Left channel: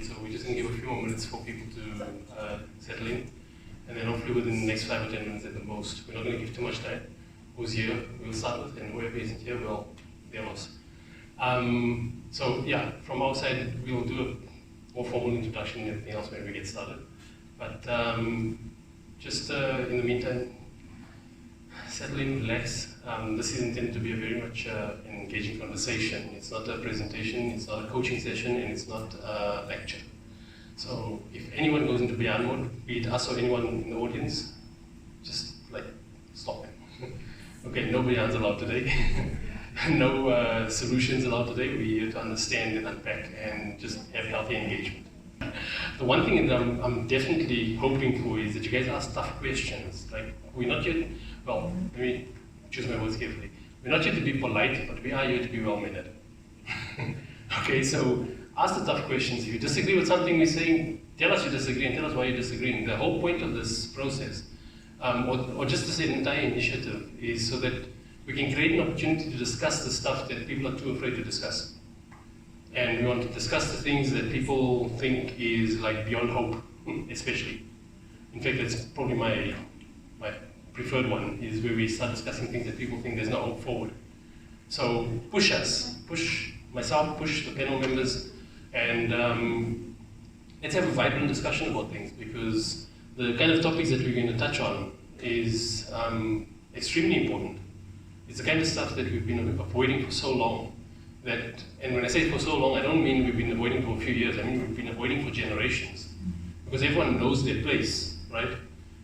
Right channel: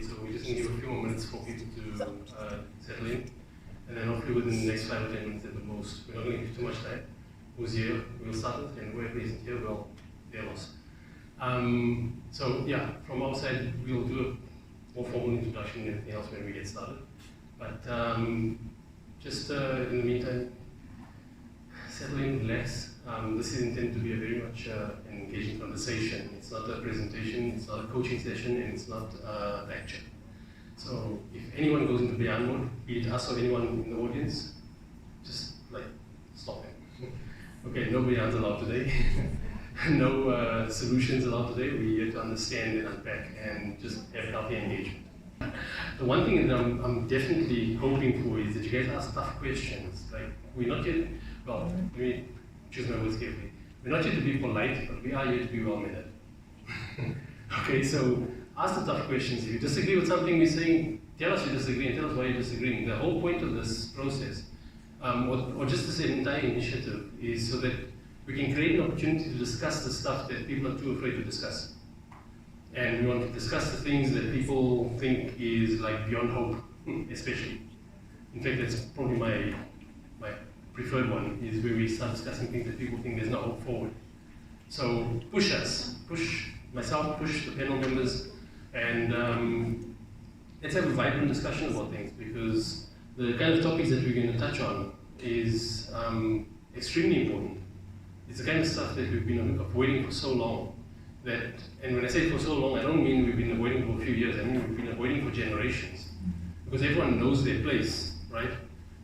late, so we're just going to give a few more minutes for people to settle in. And then hopefully within the next 5 or 10 minutes at the most. We're not going to give too much time. Who's here, we'll start with, and whoever isn't here, well, they're lost. So yeah, from our side, we'll do a more formal introduction and everything else when we get started. But just in the meantime, settle in, relax. This is intended to be a very much an engaging conversation. It's not a presentation, it's not a coaching session, and it's not a lecture. So if anyone goes into beyond mode, be it us or anyone in the audience, just like stop them. Okay, no beyonds allowed today. No solutions allowed today. We're here to understand and unpack and just have healthy engagement. The one thing that I'm definitely hoping for is that you guys ask tough questions. Like, we're not here, well, let me choose my words carefully. We're not here to be polite, but we are here to be well-mannered. Okay, so ask the tough questions. If you disagree with something we're saying, tell us you disagree and tell us why you're disagreeing. The whole point of this process, or just this entire initiative, is so that we can create an opportunity to discuss the stuff that people are too afraid to discuss. And we want to discuss the things that people think is like beyond hope, especially. In fact, that's probably my preferred one, is where we start discussing things that people think there's no hope forward. So push us, push myself, push the panel members, and let's have a vibrant discussion about things, because the kind of topics that we're going to touch on is extremely important. It's the kind of stuff that we've been avoiding for so long. And when I say for so long, I don't mean we've been avoiding for a few years, I mean we've been avoiding for generations. Because everyone knows their place, right?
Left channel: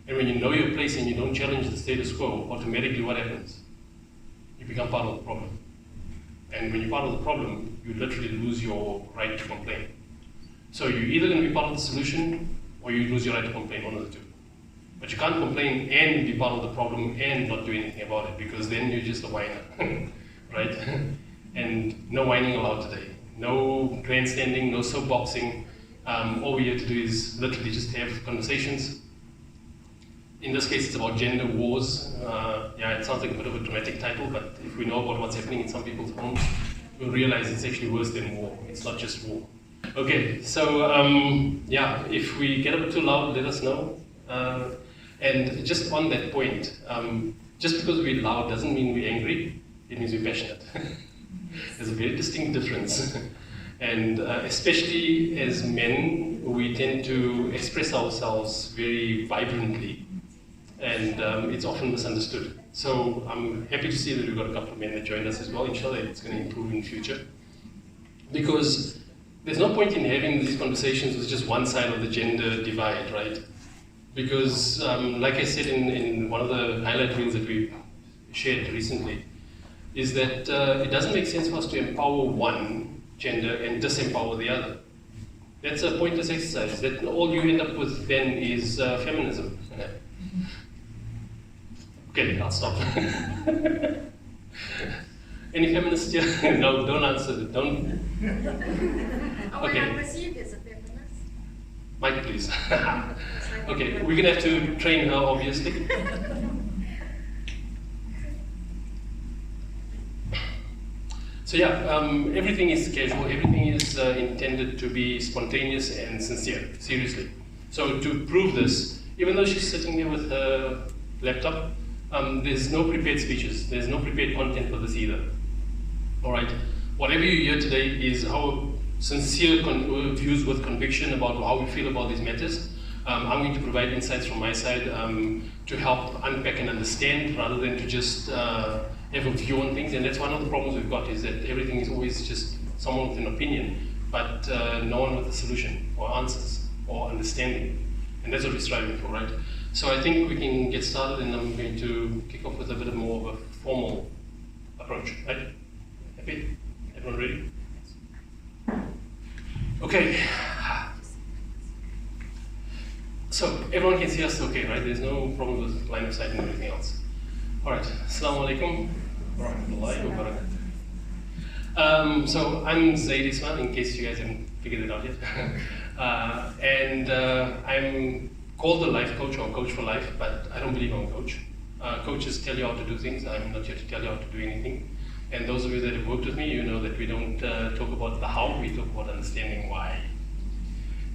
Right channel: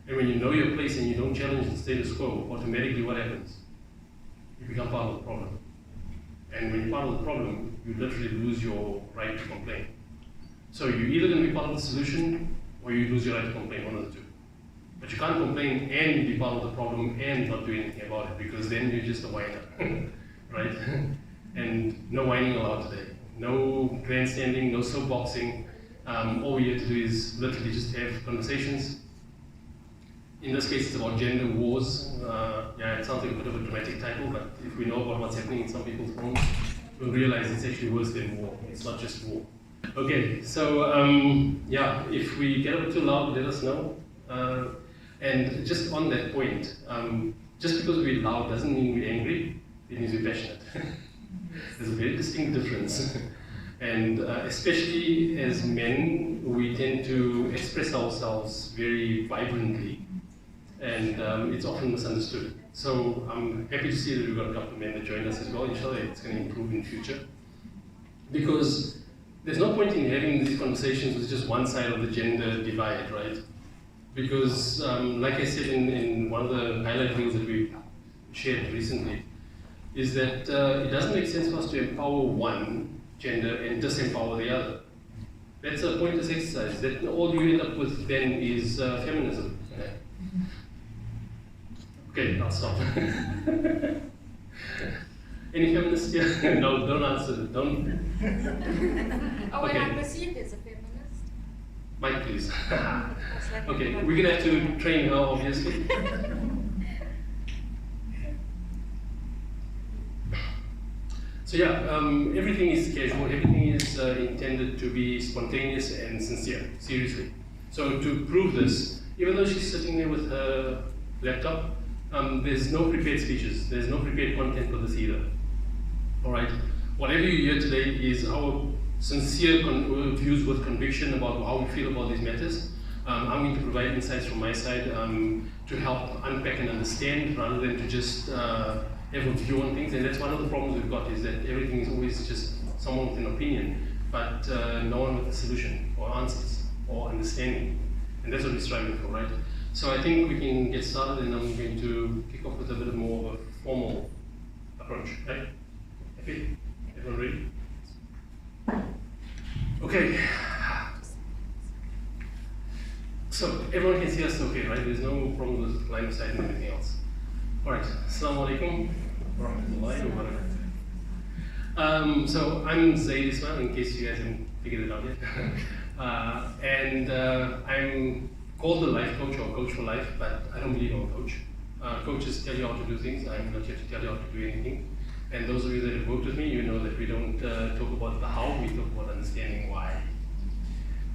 And when you know your place and you don't challenge the status quo, automatically what happens? You become part of the problem. And when you're part of the problem, you literally lose your right to complain. So you're either going to be part of the solution, or you lose your right to complain, one of the two. But you can't complain and be part of the problem and not do anything about it, because then you're just a whiner, right? And no whining allowed today. No grandstanding, no soapboxing. All we're here to do is literally just have conversations. In this case, it's about gender wars. Yeah, it sounds like a bit of a dramatic title, but if we know about what's happening in some people's homes, we'll realize it's actually worse than war. It's not just war. Okay, so yeah, if we get a bit too loud, let us know. And just on that point, just because we're loud doesn't mean we're angry, it means we're passionate. There's a very distinct difference. And especially as men, we tend to express ourselves very vibrantly, and it's often misunderstood. So I'm happy to see that we've got a couple of men that joined us as well. Inshallah, it's going to improve in future. Because there's no point in having these conversations with just one side of the gender divide, right? Because, like I said in one of the highlight reels that we shared recently, is that it doesn't make sense for us to empower one gender and disempower the other. That's a pointless exercise. That all you end up with then is feminism. Okay, I'll stop. Any feminists here? No, don't answer it. Don't. Oh, okay. When I'm perceived as a feminist. Mike, please. Okay, we're going to have to train her, obviously. So yeah, everything is casual, everything is intended to be spontaneous and sincere, seriously. So to prove this, even though she's sitting there with her laptop, there's no prepared speeches, there's no prepared content for this either. All right, whatever you hear today is our sincere views with conviction about how we feel about these matters. I'm going to provide insights from my side to help unpack and understand, rather than to just have a view on things. And that's one of the problems we've got, is that everything is always just someone with an opinion, but no one with a solution or answers or understanding. And that's what we're striving for, right? So I think we can get started, and I'm going to kick off with a bit more of a formal approach, right? Happy? Everyone ready? Okay. So everyone can see us okay, right? There's no problem with line of sight and everything else. All right. Assalamu alaikum wa rahmatullahi wa barakatuh. So I'm Zaid Ismail, in case you guys haven't figured it out yet. And I'm called a life coach or coach for life, but I don't believe I'm a coach. Coaches tell you how to do things. I'm not here to tell you how to do anything. And those of you that have worked with me, you know that we don't talk about the how, we talk about understanding why.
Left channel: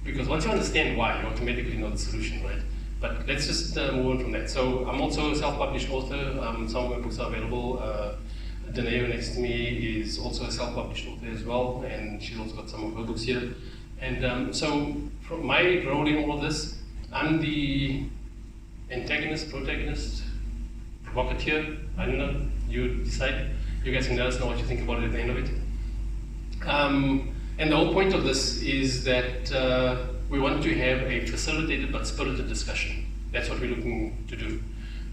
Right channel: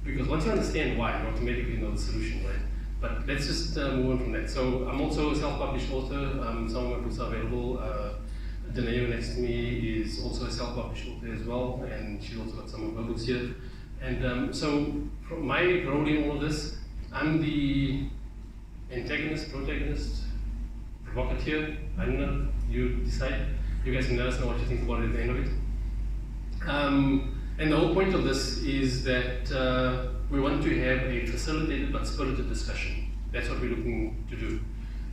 because once you understand why, you automatically know the solution, right? But let's just move on from that. So I'm also a self-published author. Some of my books are available. Dineo next to me is also a self-published author as well, and she's also got some of her books here. And so from my role in all of this, I'm the antagonist, protagonist, provocateur, I don't know, you decide. You guys can let us know what you think about it at the end of it. And the whole point of this is that we want to have a facilitated but spirited discussion. That's what we're looking to do.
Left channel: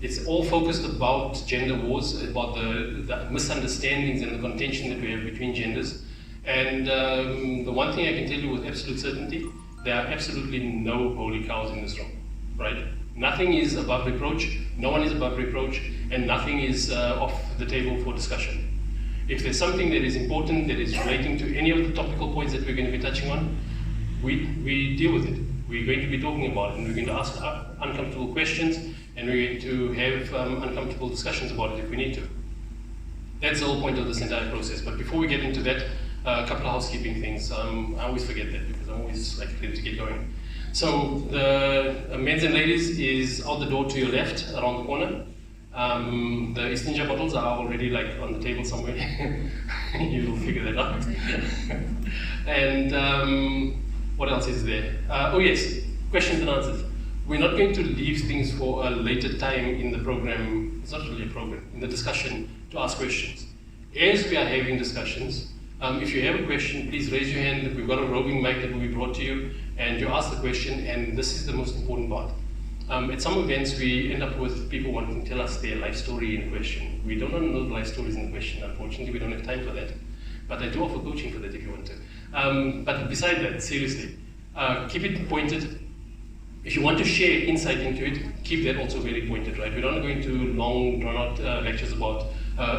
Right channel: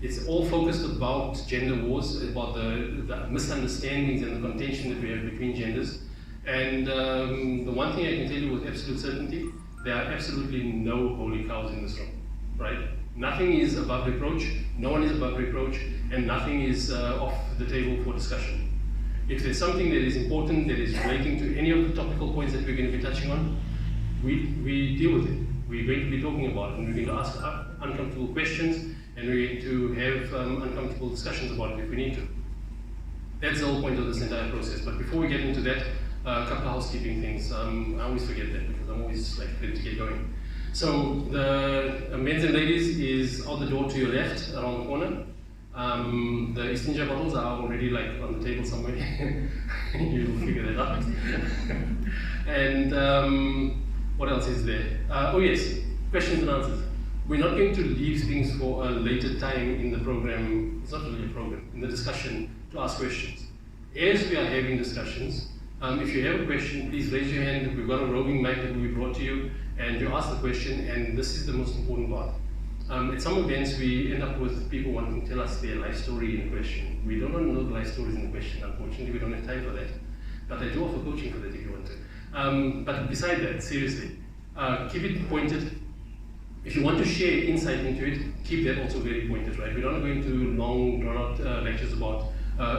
It's all focused about gender wars, about the misunderstandings and the contention that we have between genders. And the one thing I can tell you with absolute certainty, there are absolutely no holy cows in this room, right? Nothing is above reproach, no one is above reproach, and nothing is off the table for discussion. If there's something that is important, that is relating to any of the topical points that we're going to be touching on, we deal with it. We're going to be talking about it, and we're going to ask uncomfortable questions, and we're going to have uncomfortable discussions about it if we need to. That's the whole point of this entire process. But before we get into that, a couple of housekeeping things. I always forget that because I'm always like ready to get going. So the men's and ladies is out the door to your left, around the corner. The Istinja bottles are already like on the table somewhere. You'll figure that out. And what else is there? Oh yes, questions and answers. We're not going to leave things for a later time in the program. It's not really a program, in the discussion to ask questions. As we are having discussions, if you have a question, please raise your hand. We've got a roving mic that will be brought to you, and you ask the question, and this is the most important part. At some events, we end up with people wanting to tell us their life story in question. We don't want to know the life stories in the question, unfortunately. We don't have time for that. But I do offer coaching for that if you want to. But beside that, seriously, keep it pointed. If you want to share insight into it, keep that also very pointed, right? We're not going to long, drawn-out lectures about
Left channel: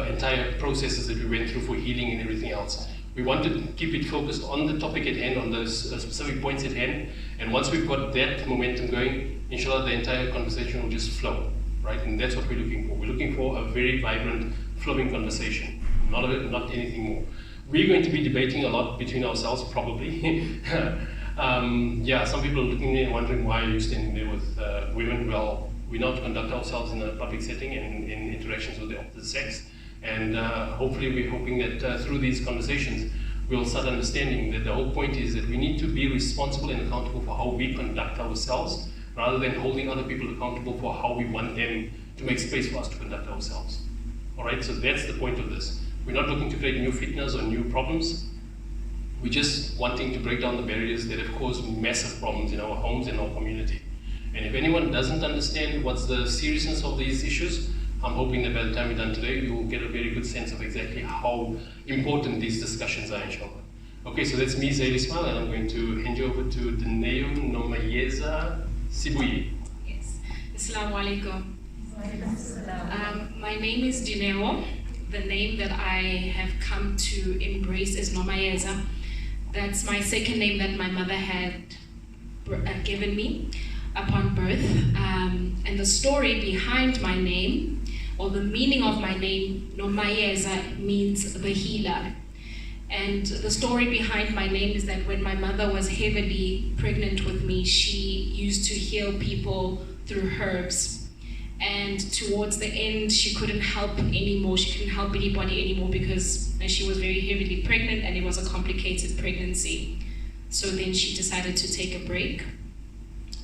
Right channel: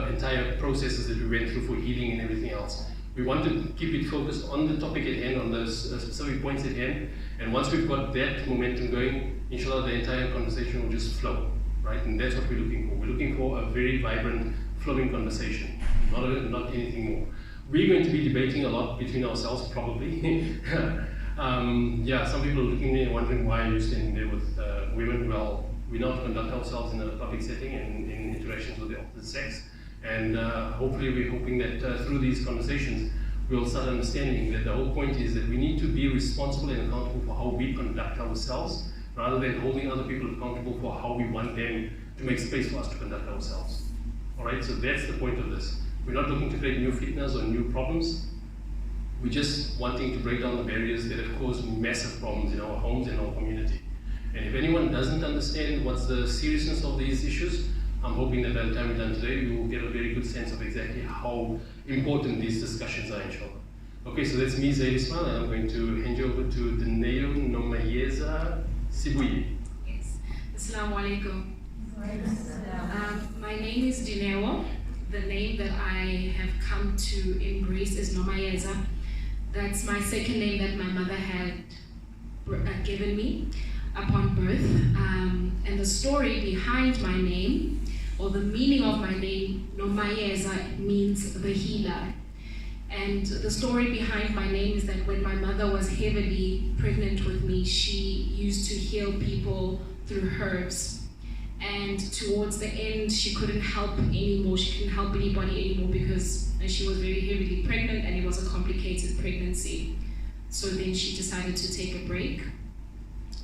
entire processes that we went through for healing and everything else. We want to keep it focused on the topic at hand, on those specific points at hand, and once we've got that momentum going, inshallah, the entire conversation will just flow, right? And that's what we're looking for. We're looking for a very vibrant, flowing conversation, not anything more. We're going to be debating a lot between ourselves, probably. Yeah, some people are looking at me and wondering why are you standing there with women. Well, we now conduct ourselves in a public setting and in interactions with the opposite sex. And hopefully we're hoping that through these conversations, we'll start understanding that the whole point is that we need to be responsible and accountable for how we conduct ourselves, rather than holding other people accountable for how we want them to make space for us to conduct ourselves. All right, so that's the point of this. We're not looking to create new fitnas or new problems. We're just wanting to break down the barriers that have caused massive problems in our homes and our community. And if anyone doesn't understand what's the seriousness of these issues, I'm hoping that by the time we're done today, you will get a very good sense of exactly how important these discussions are, inshallah. Okay, so that's me, Zaid Ismail, and I'm going to hand you over to Dineo, Nomayeza, Sibuyi. Yes. Assalamu alaikum. My name is Dineo. The name that I have come to embrace is Nomayeza. That's my second name that my mother had given me upon birth. And the story behind my name, or the meaning of my name, Nomayeza, means the healer. And the story behind my name is that when my mother was heavily pregnant with me, she used to heal people through herbs. And towards the end, she couldn't help anymore. She couldn't help anybody anymore because she was very heavily pregnant and it was a complicated pregnancy. So then she decided to take a break.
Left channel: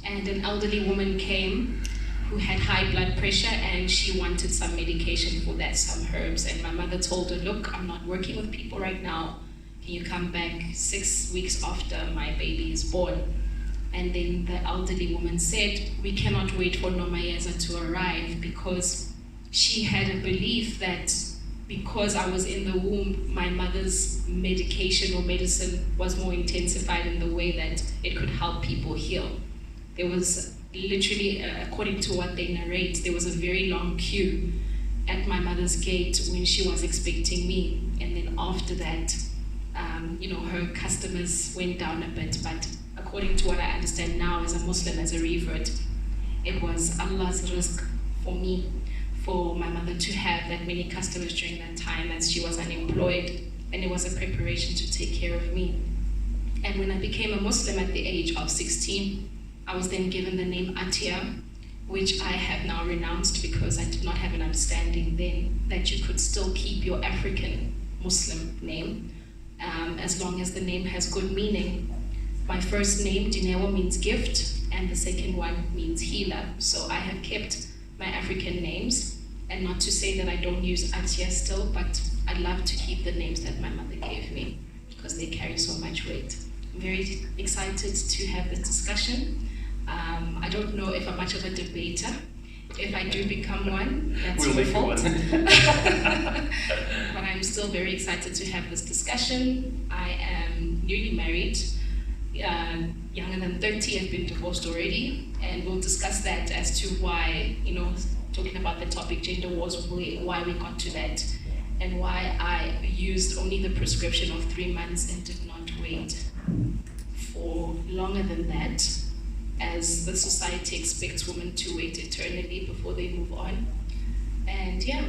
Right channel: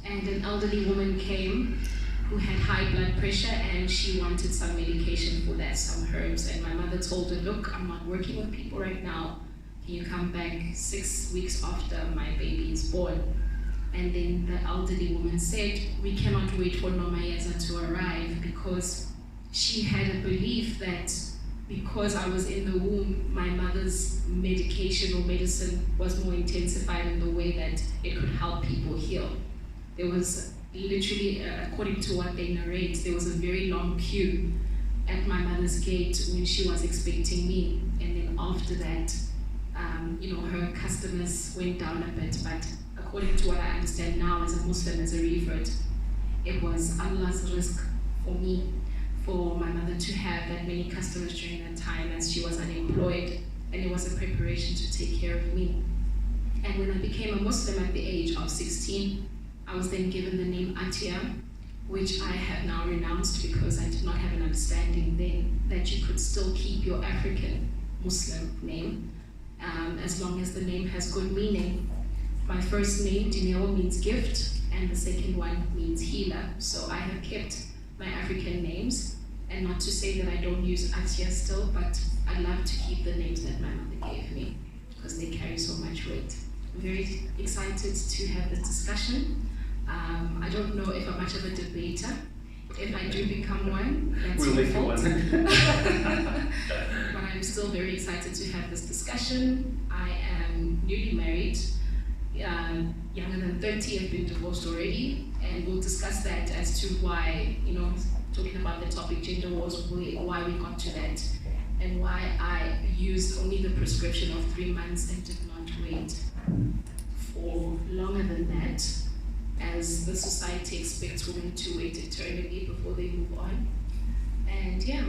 And an elderly woman came who had high blood pressure and she wanted some medication for that, some herbs. And my mother told her, look, I'm not working with people right now. Can you come back 6 weeks after my baby is born? And then the elderly woman said, we cannot wait for Nomayeza to arrive, because she had a belief that because I was in the womb, my mother's medication or medicine was more intensified in the way that it could help people heal. There was literally, according to what they narrate, there was a very long queue at my mother's gate when she was expecting me. And then after that, her customers went down a bit, but according to what I understand now as a Muslim, as a revert, it was Allah's risk for me, for my mother to have that many customers during that time as she was unemployed, and it was a preparation to take care of me. And when I became a Muslim at the age of 16, I was then given the name Atia, which I have now renounced because I did not have an understanding then that you could still keep your African Muslim name as long as the name has good meaning. My first name, Dineo, means gift, and the second one means healer. So I have kept my African names, and not to say that I don't use Atia still, but I love to keep the names that my mother gave me because they carry so much weight. I'm very excited to have this discussion. I don't know if I'm much of a debater. If I do become one, that's your fault. But I'm still very excited to have this discussion. I am newly married, younger than 30, I've been divorced already, and we'll discuss that as to why, talking about the topic gender wars, why we got to that, and why I used only the prescription of 3 months and did not wait for longer than that, as the society expects women to wait eternally before they move on. And yeah,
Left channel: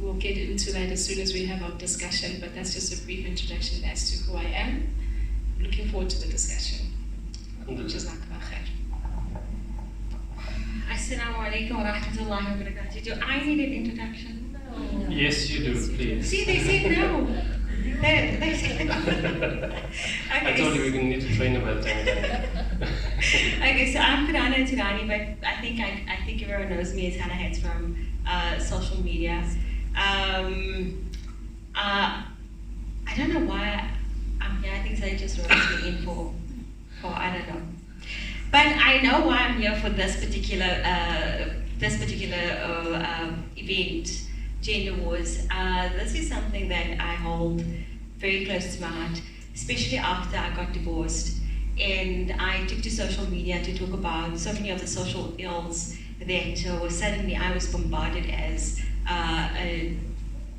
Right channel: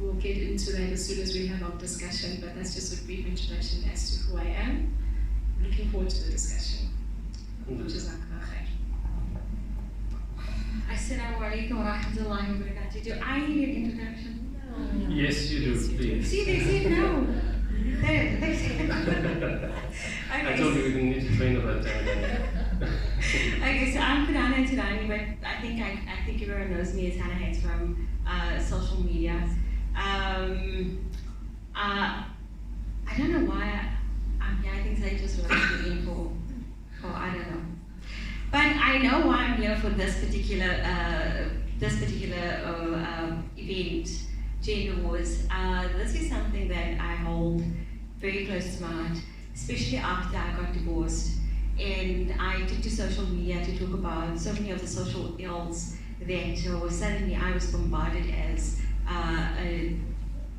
we'll get into that as soon as we have our discussion, but that's just a brief introduction as to who I am. I'm looking forward to the discussion. Jazakallah khair. Assalamu alaikum wa rahmatullahi wa barakatuh. Do I need an introduction? No. Yes, you do, please. See, they said no. They said no. I told you we're going to need to train about that. Okay, so I'm Hana, but I think everyone knows me as Hana Heads from social media. I don't know why I'm here. I think they just wrote me in for I don't know. But I know why I'm here for this particular event, gender wars. This is something that I hold very close to my heart, especially after I got divorced. And I took to social media to talk about so many of the social ills that suddenly I was bombarded as a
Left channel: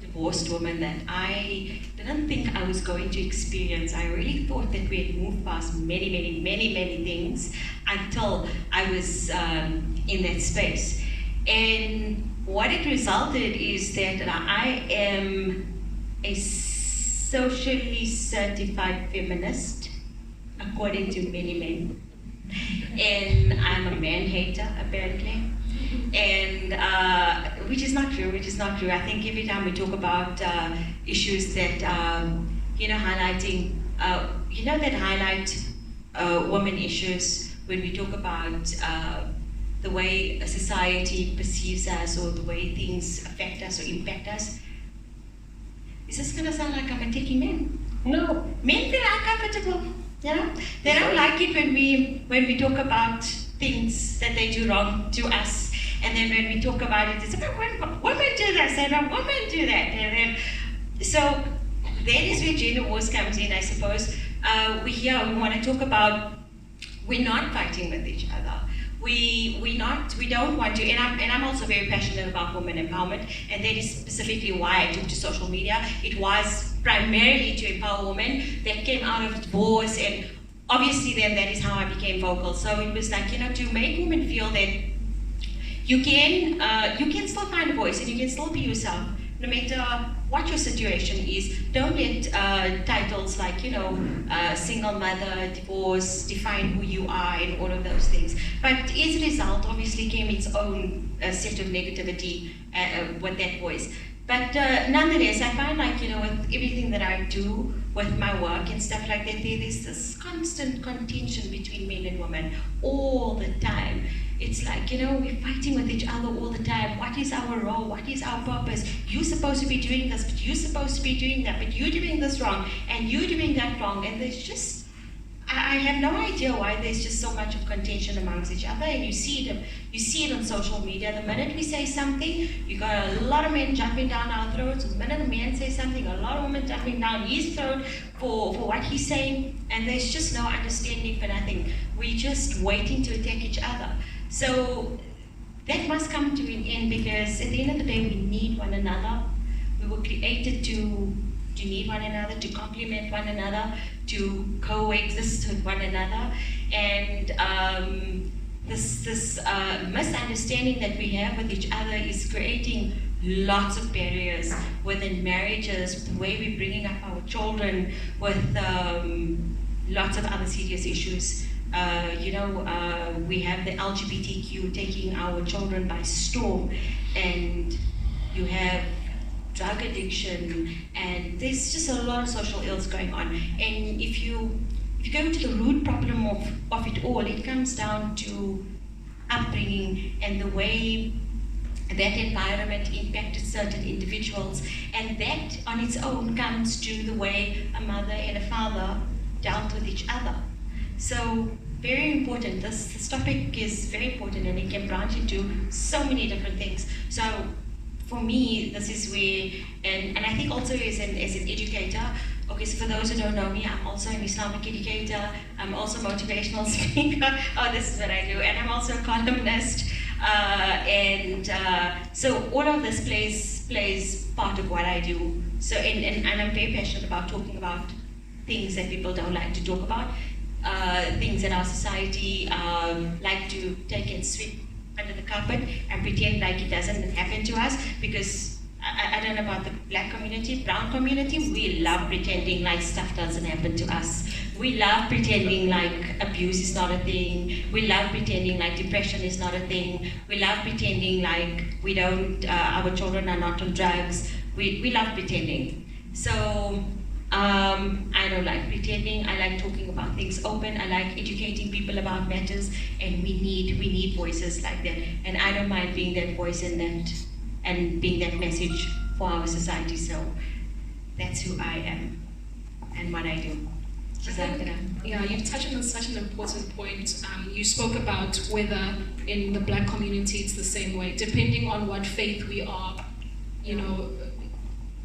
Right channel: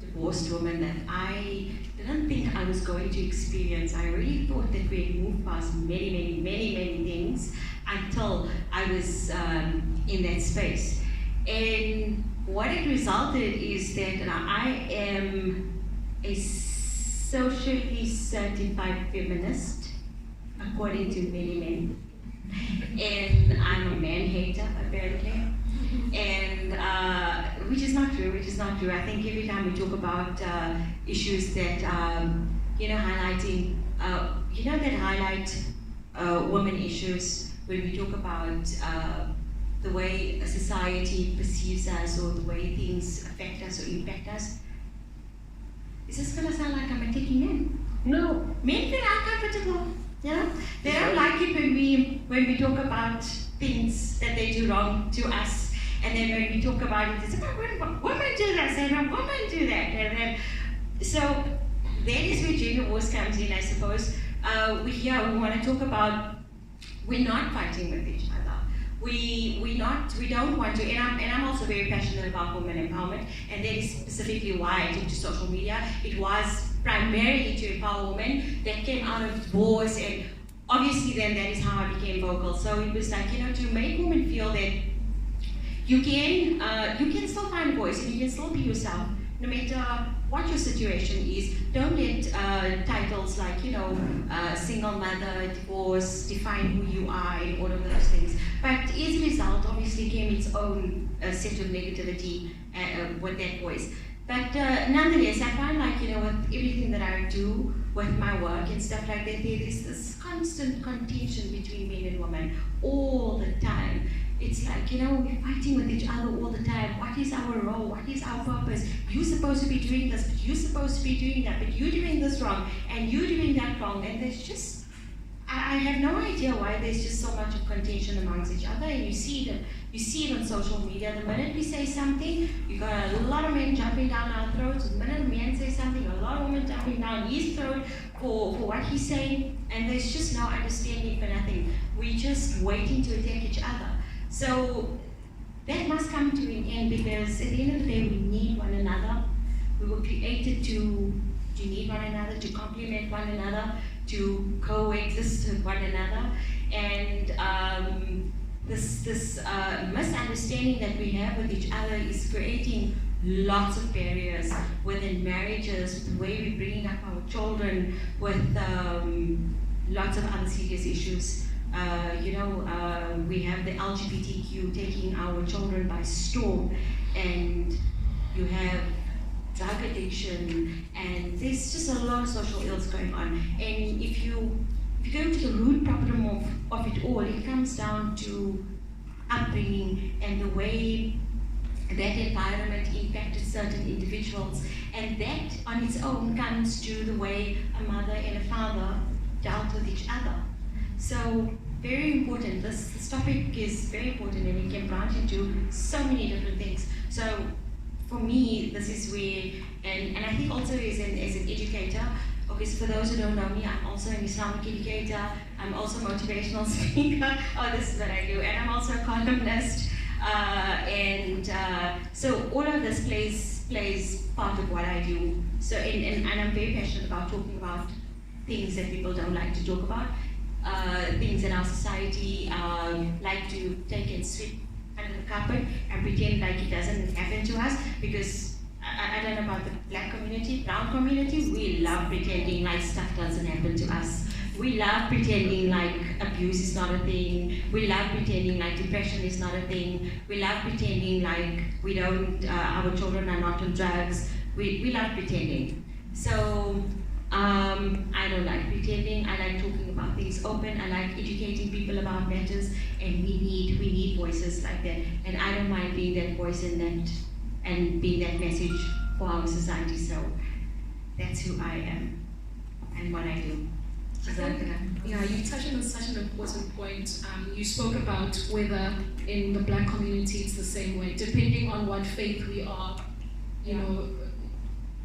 divorced woman that I didn't think I was going to experience. I really thought that we had moved past many things until I was in that space. And what it resulted is that I am a socially certified feminist, according to many men. And I'm a man hater, apparently. And which is not true. I think every time we talk about issues that, highlighting, that highlight women issues, when we talk about the way a society perceives us or the way things affect us or impact us, is this going to sound like I'm attacking men? No. Men feel uncomfortable. They don't like it when we talk about things that they do wrong to us, and then when we talk about it, it's about women do this and women do that, and then so that is where gender wars comes in, I suppose. We want to talk about we're not fighting with each other. We don't want to, and I'm also very passionate about women empowerment, and that is specifically why I took to social media. It was primarily to empower women that came out of divorce, and obviously then that is how I became vocal. So it was like, to make women feel that you can still find a voice and you can still be yourself, no matter what your situation is. Don't let titles like, single mother, divorce, define who you are and all of those things. But as a result, obviously came its own set of negativity with that voice. But nonetheless, I find like, with everything that I do with my work and stuff like that, there's this constant contention between men and women all the time. It's like, we're fighting with each other all the time. What is our role? What is our purpose? You're supposed to be doing this, but you're supposed to be doing that, but you're doing this wrong, and you're doing that wrong. And there's just, I have no idea why there's just so much of contention amongst each other, and you see it on social media. The minute we say something, you got a lot of men jumping down our throats. The minute a man says something, a lot of women jumping down his throat for what he's saying, and there's just no understanding for nothing. We're just waiting to attack each other. So that must come to an end, because at the end of the day, we need one another. We were created to need one another, to complement one another, to coexist with one another. And this misunderstanding that we have with each other is creating lots of barriers within marriages, with the way we're bringing up our children, with lots of other serious issues. We have the LGBTQ taking our children by storm, and you have drug addiction, and there's just a lot of social ills going on. And if you go into the root problem of it all, it comes down to upbringing and the way that environment impacted certain individuals, and that on its own comes to the way a mother and a father dealt with each other. So very important. This topic is very important, and it can branch into so many different things. So for me, this is where, and I think also as an educator, okay, so for those who don't know me, I'm also an Islamic educator, I'm also a motivational speaker, this is what I do, and I'm also a columnist, so all of this plays part of what I do. So, and I'm very passionate about talking about things that people don't like to talk about, things that our society like to take and sweep under the carpet and pretend like it doesn't happen to us, because I don't know about the black community, brown community, we love pretending like stuff doesn't happen to us. We love pretending like abuse is not a thing. We love pretending like depression is not a thing. We love pretending like we don't, our children are not on drugs. We love pretending. So I don't like pretending. I like talking about things open. I like educating people about matters, and we need voices like that. And I don't mind being that voice and being that message for our society. So that's who I am and what I do. Yeah, you've touched on such an important point. You spoke about whether in the black community it's the same way, depending on what faith we are,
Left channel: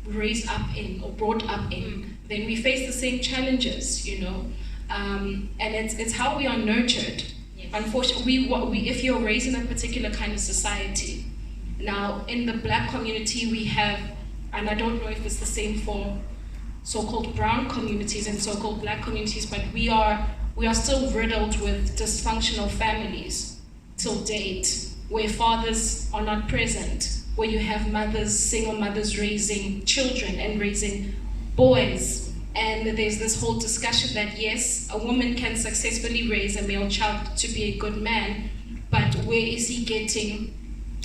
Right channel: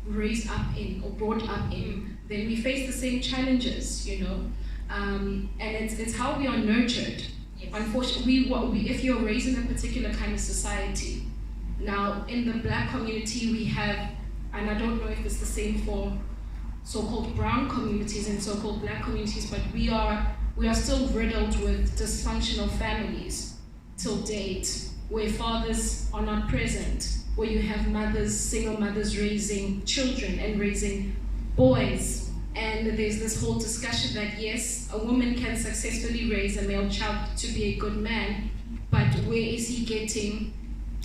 raised up in or brought up in, then we face the same challenges, and it's how we are nurtured. Yes. Unfortunately, if you're raised in a particular kind of society, now in the black community we have, and I don't know if it's the same for so-called brown communities and so-called black communities, but we are still riddled with dysfunctional families till date, where fathers are not present, where you have single mothers raising children and raising boys. And there's this whole discussion that yes, a woman can successfully raise a male child to be a good man, but where is he getting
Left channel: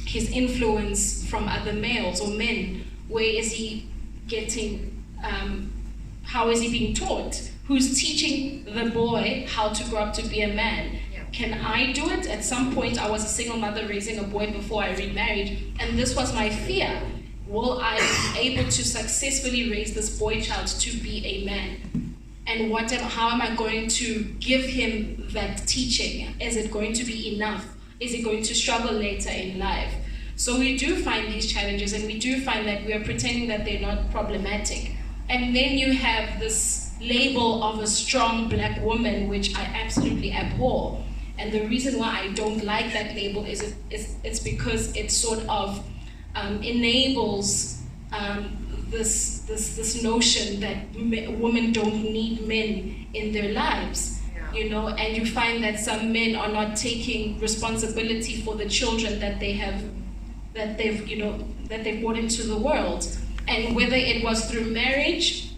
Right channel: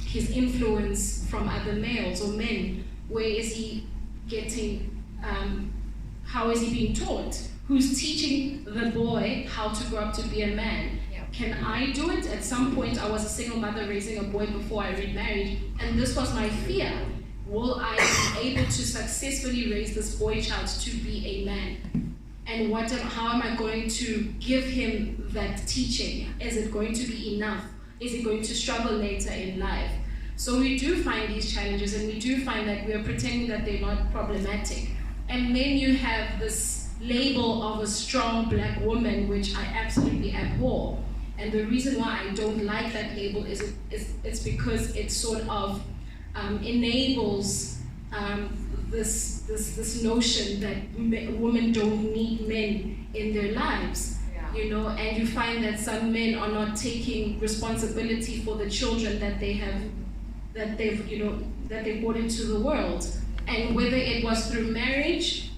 his influence from other males or men? Where is he getting, how is he being taught? Who's teaching the boy how to grow up to be a man? Yeah. Can I do it? At some point, I was a single mother raising a boy before I remarried, and this was my fear. Will I be able to successfully raise this boy child to be a man? And how am I going to give him that teaching? Is it going to be enough? Is he going to struggle later in life? So we do find these challenges, and we do find that we are pretending that they're not problematic. And then you have this label of a strong black woman, which I absolutely abhor. And the reason why I don't like that label is it's because it sort of enables this notion that women don't need men in their lives. Yeah. And you find that some men are not taking responsibility for the children that they've brought into the world. And whether it was through marriage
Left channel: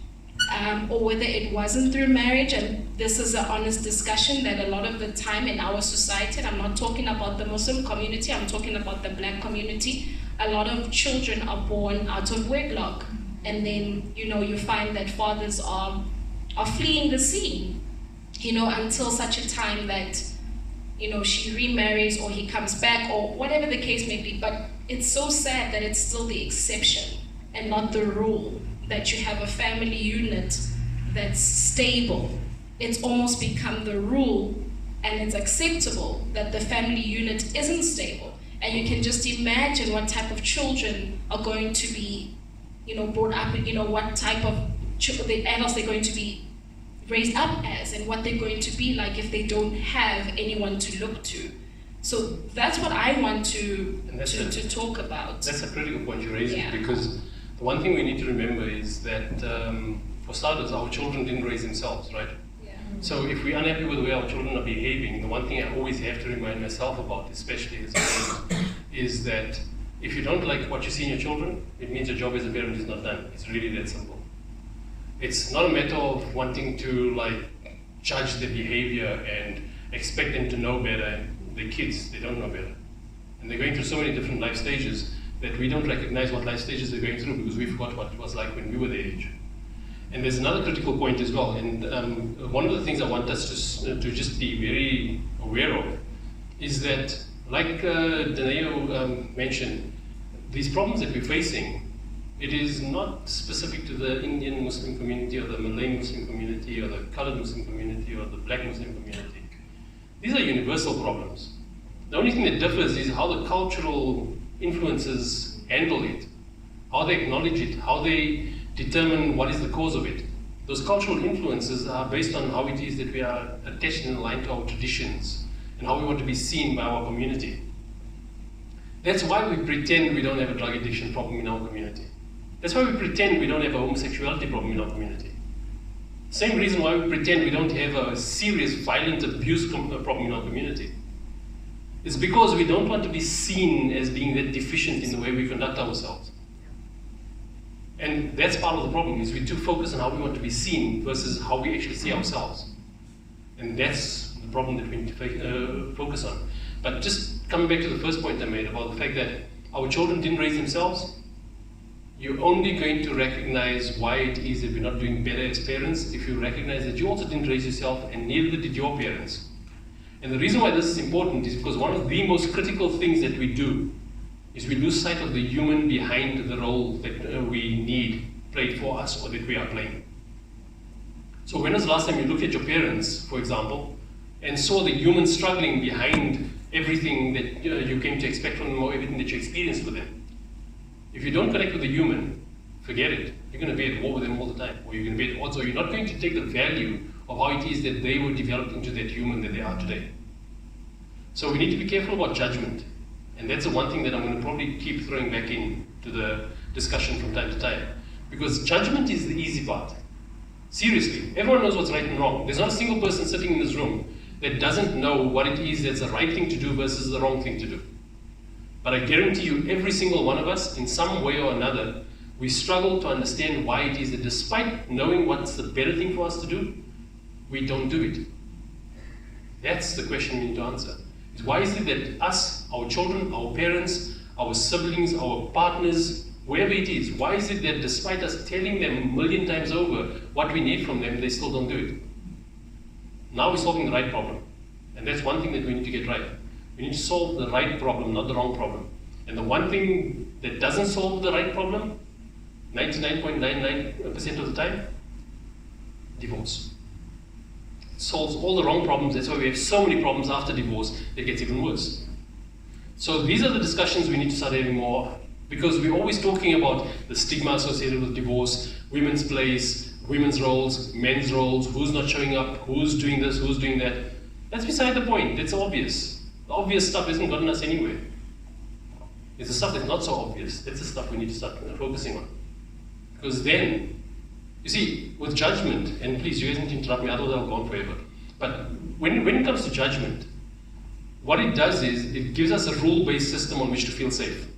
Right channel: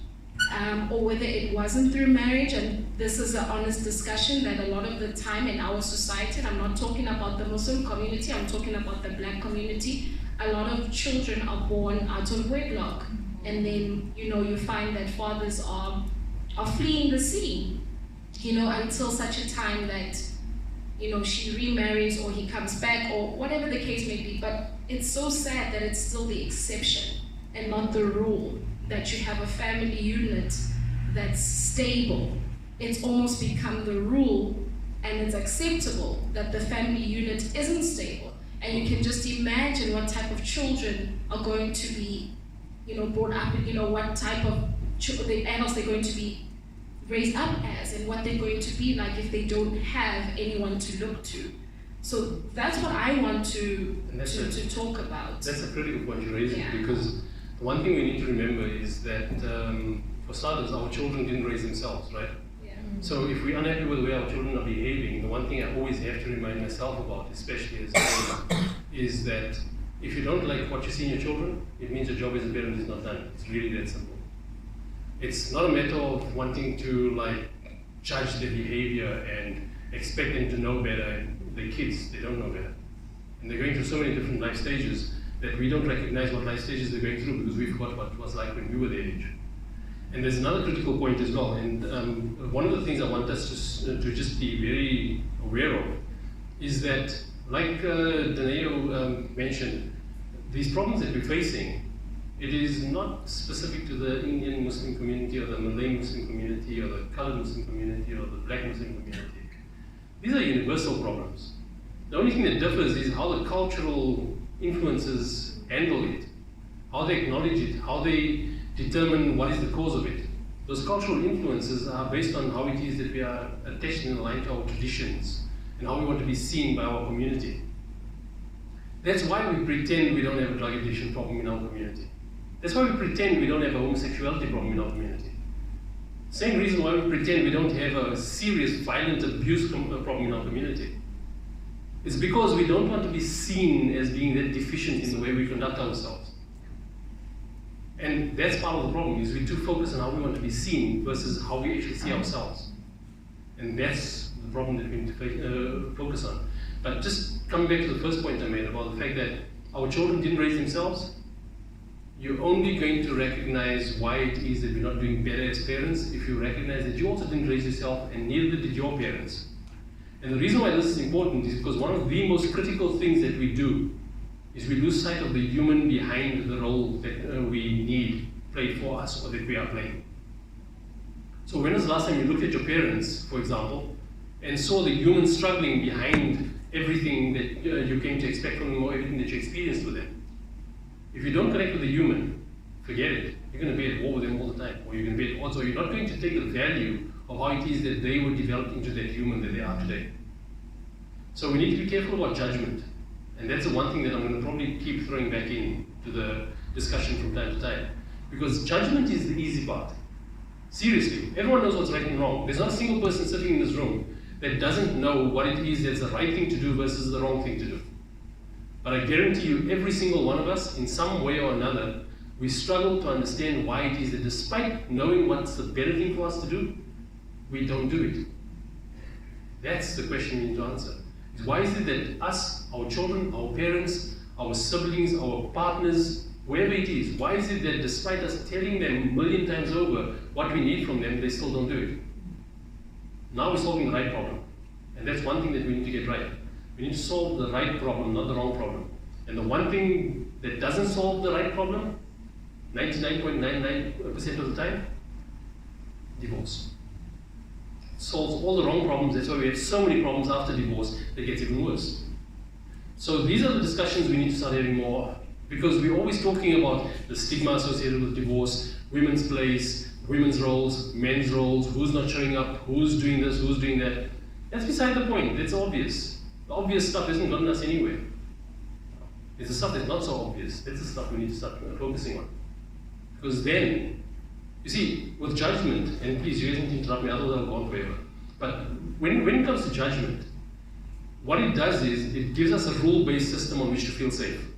or whether it wasn't through marriage, and this is an honest discussion that a lot of the time in our society, and I'm not talking about the Muslim community, I'm talking about the black community, a lot of children are born out of wedlock. And then, you find that fathers are fleeing the scene, until such a time that, she remarries or he comes back or whatever the case may be. But it's so sad that it's still the exception and not the rule, that you have a family unit that's stable. It's almost become the rule, and it's acceptable that the family unit isn't stable. And you can just imagine what type of children are going to be, brought up, what type of the adults they're going to be raised up as, and what they're going to be like if they don't have anyone to look to. So that's what I want to talk about. That's a critical point you're raising, Yeah. because the one thing we need to remember is that, for starters, our children didn't raise themselves, right? Yeah. So if we're unhappy with the way our children are behaving, the one thing I always have to remind myself about, especially as a parent, is that if you don't like what you see in your children, it means your job as a parent is not done. It's really that simple. It's not a matter of wanting to judge their behavior and expect them to know better. And they're kids, they don't know better. And they're going through so many different life stages that we don't recognize what life stages they're going through because we forgot what it was like when we were their age. And there's another critical point as well, and one of the things I want us to just be very aware of is that, like Dineo mentioned, these problems that we're facing, it is not specific to the Indian Muslim community or the Malay Muslim community or the colored Muslim community or the black Muslim community. These are universal problems. The only thing that differs is how the cultural influences handle it, how they acknowledge it, how they determine what is the cause of it. Those cultural influences are based on how it is that we are attached and aligned to our traditions and how we want to be seen by our community. That's why we pretend we don't have a drug addiction problem in our community. That's why we pretend we don't have a homosexuality problem in our community. Same reason why we pretend we don't have a serious violent abuse problem in our community. It's because we don't want to be seen as being that deficient in the way we conduct ourselves. And that's part of the problem, is we're too focused on how we want to be seen versus how we actually see ourselves. And that's the problem that we need to focus on. But just coming back to the first point I made about the fact that our children didn't raise themselves, you're only going to recognize why it is that we're not doing better as parents if you recognize that you also didn't raise yourself and neither did your parents. And the reason why this is important is because one of the most critical things that we do is we lose sight of the human behind the role that we need played for us or that we are playing. So when was the last time you looked at your parents, for example, and saw the human struggling behind everything that you came to expect from them or everything that you experienced with them? If you don't connect with the human, forget it. You're going to be at war with them all the time, or you're going to be at odds, or you're not going to take the value of how it is that they were developed into that human that they are today. So we need to be careful about judgment. And that's the one thing that I'm going to probably keep throwing back into the discussion from time to time. Because judgment is the easy part. Seriously, everyone knows what's right and wrong. There's not a single person sitting in this room that doesn't know what it is that's the right thing to do versus the wrong thing to do. But I guarantee you, every single one of us, in some way or another, we struggle to understand why it is that despite knowing what's the better thing for us to do, we don't do it. That's the question we need to answer. Is why is it that us, our children, our parents, our siblings, our partners, whoever it is, why is it that despite us telling them a million times over what we need from them, they still don't do it? Now we're solving the right problem. And that's one thing that we need to get right. We need to solve the right problem, not the wrong problem. And the one thing that doesn't solve the right problem, 99.99% of the time, divorce. It solves all the wrong problems. That's why we have so many problems after divorce that gets even worse. So these are the discussions we need to start having more, because we're always talking about the stigma associated with divorce, women's place, women's roles, men's roles, who's not showing up, who's doing this, who's doing that. That's beside the point. That's obvious. The obvious stuff isn't gotten us anywhere. It's the stuff that's not so obvious. That's the stuff we need to start focusing on. Because then, you see, with judgment, and please, you guys need to interrupt me, otherwise I'll go on forever. But when it comes to judgment, what it does is it gives us a rule-based system on which to feel safe.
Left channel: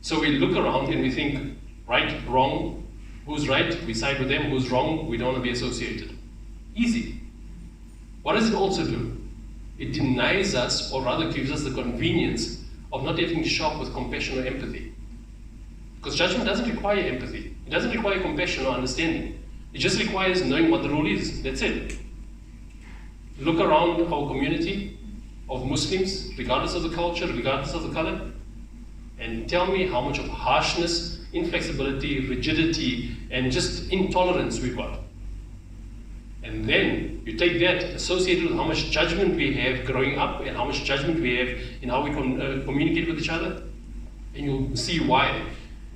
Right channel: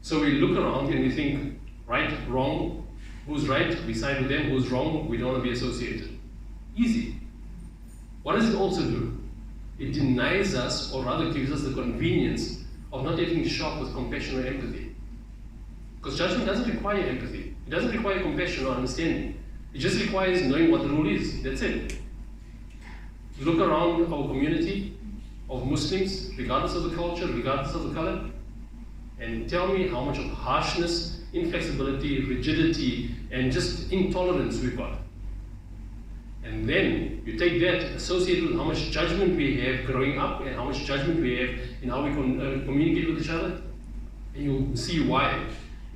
So we look around and we think, right, wrong, who's right, we side with them, who's wrong, we don't want to be associated. Easy. What does it also do? It denies us, or rather gives us the convenience of not having to shop with compassion or empathy. Because judgment doesn't require empathy. It doesn't require compassion or understanding. It just requires knowing what the rule is. That's it. Look around our community of Muslims, regardless of the culture, regardless of the color, and tell me how much of harshness, inflexibility, rigidity, and just intolerance we've got. And then you take that associated with how much judgment we have growing up and how much judgment we have in how we communicate with each other, and you'll see why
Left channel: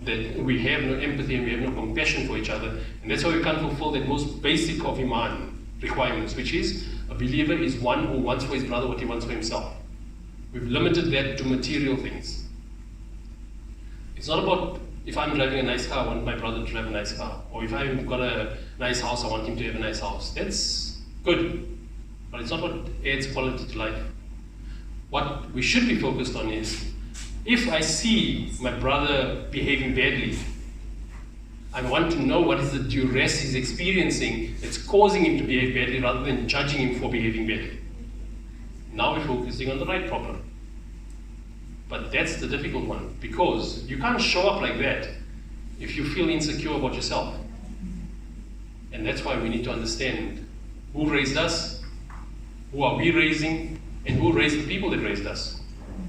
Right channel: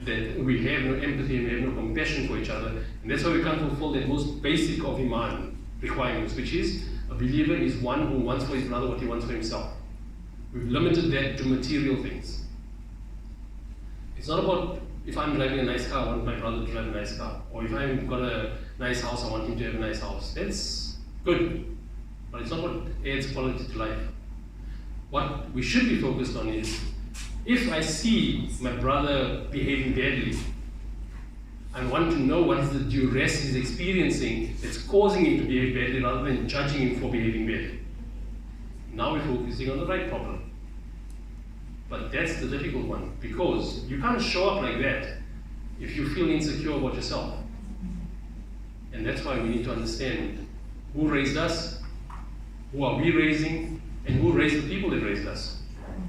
that we have no empathy and we have no compassion for each other. And that's why we can't fulfill that most basic of Iman requirements, which is a believer is one who wants for his brother what he wants for himself. We've limited that to material things. It's not about if I'm driving a nice car, I want my brother to drive a nice car. Or if I've got a nice house, I want him to have a nice house. That's good. But it's not what adds quality to life. What we should be focused on is, if I see my brother behaving badly, I want to know what is the duress he's experiencing that's causing him to behave badly rather than judging him for behaving badly. Now we're focusing on the right problem. But that's the difficult one, because you can't show up like that if you feel insecure about yourself. And that's why we need to understand who raised us, who are we raising, and who raised the people that raised us.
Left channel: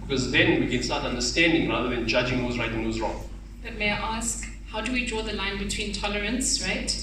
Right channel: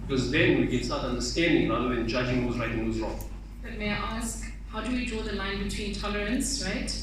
Because then we can start understanding rather than judging who's right and who's wrong. But may I ask, how do we draw the line between tolerance, right,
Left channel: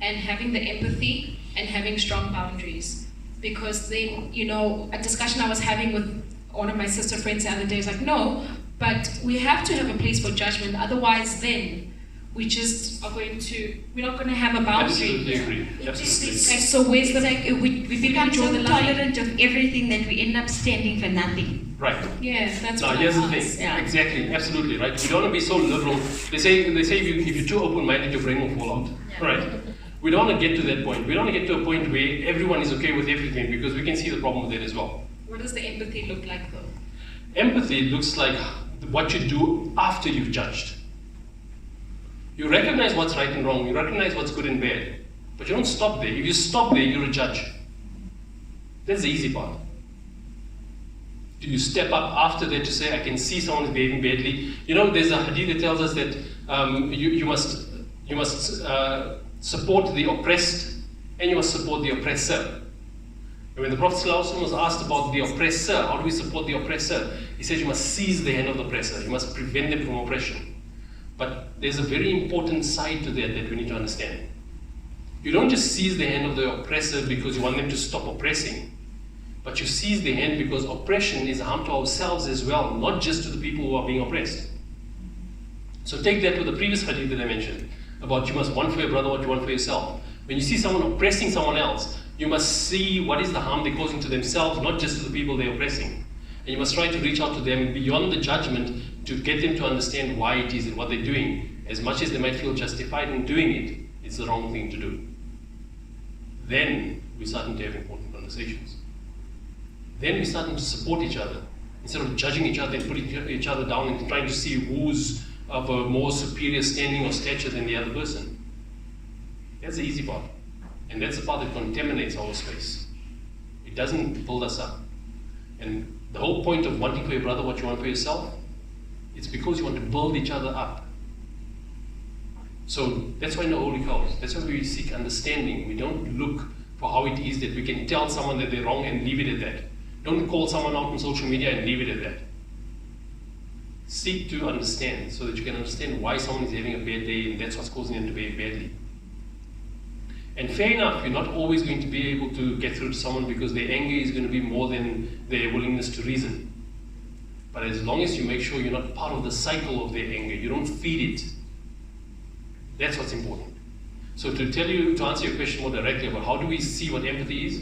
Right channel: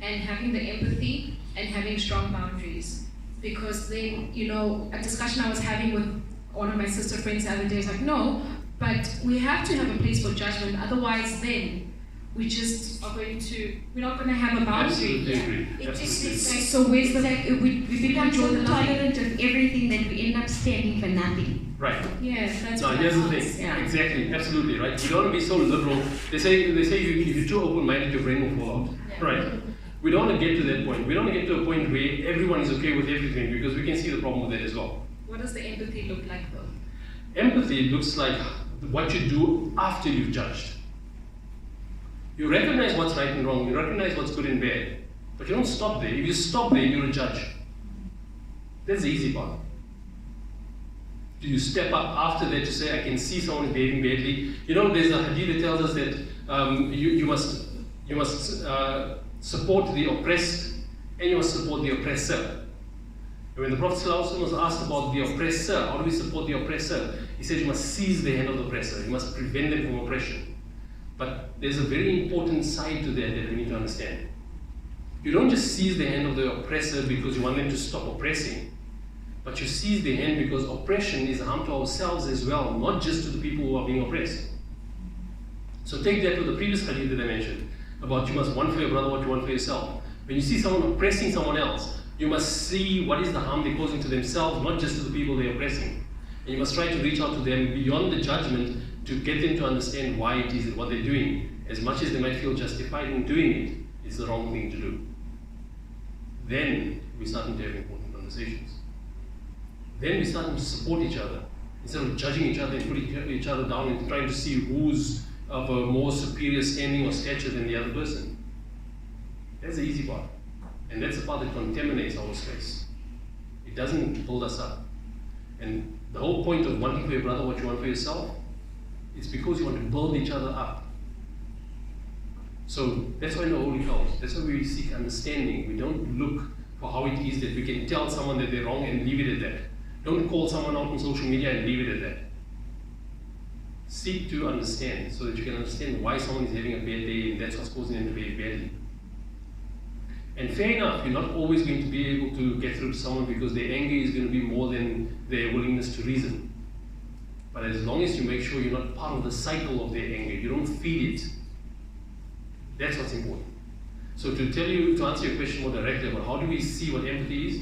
and having the empathy and having strong boundaries? Because then, you know, a discussion I was having with one of my sister friends the other day was like, no, but we have to have a place for judgment, otherwise then we just are going to, we're not going to have a boundary. Absolutely agree. Absolutely. So where's the, we become so tolerant of everything that we end up standing for nothing. Right. Yeah, that's now what here's the I thing. Yeah. Exactly, absolutely, right? We don't want to be so liberal. They say if you're too open-minded, your brain will fall out. Yeah. Right? We don't want to get to that point. We don't want to get to a point where everyone is okay with everything, because we can see the problem with that as well. What does the empathy look like though? Empathy looks like what you do after you've judged. You recognize what's right and wrong, you recognize what's good and bad, but you don't stop there. If you stop there, you're a judge. That's the easy part. Do you step up after that to say, I can see someone's behaving badly? You know, there's a hadith that tells us that you must support the oppressed and you must support the oppressor. And when the Prophet ﷺ was asked about the oppressor, how do we support the oppressor? He said you must seize the hand of the oppressor, you must prevent them from oppression. But there's a very important side to that we need to understand. You don't just seize the hand of the oppressor because you want them to stop oppressing, but you seize the hand because oppression is harm to ourselves as well, not just to the people who are being oppressed. So take that with the previous hadith that I mentioned, about you must want for your brother what you want for yourself. When you see someone oppressing someone else, you must see what is the harm they're causing to themselves, not just to the people they're oppressing. And you must try to reach out to them beyond the judgment to get them to understand why it is and what they're doing. As much as they might feel justified in doing it, it's the wrong thing to do. Then we start to have important conversations. Then we start to support each other. Instead of judging each other and putting each other down and trying to see who's of a more superior standing or stature than the other person. That's the easy part. And that's the part that contaminates our space. It doesn't build us up. And the whole point of wanting for your brother what you want for yourself, it's because you want to build each other up. So that's why in the Holy Cows, that's why we seek understanding. We don't look for how it is that we can tell someone that they're wrong and leave it at that. Don't call someone out on social media and leave it at that. Seek to understand so that you can understand why someone is having a bad day and that's what's causing them to behave badly. And fair enough, you're not always going to be able to get through to someone because their anger is going to be more than their willingness to reason. But as long as you make sure you're not part of the cycle of their anger, you don't feed it, that's what's important. So to answer your question more directly about how do we see what empathy is?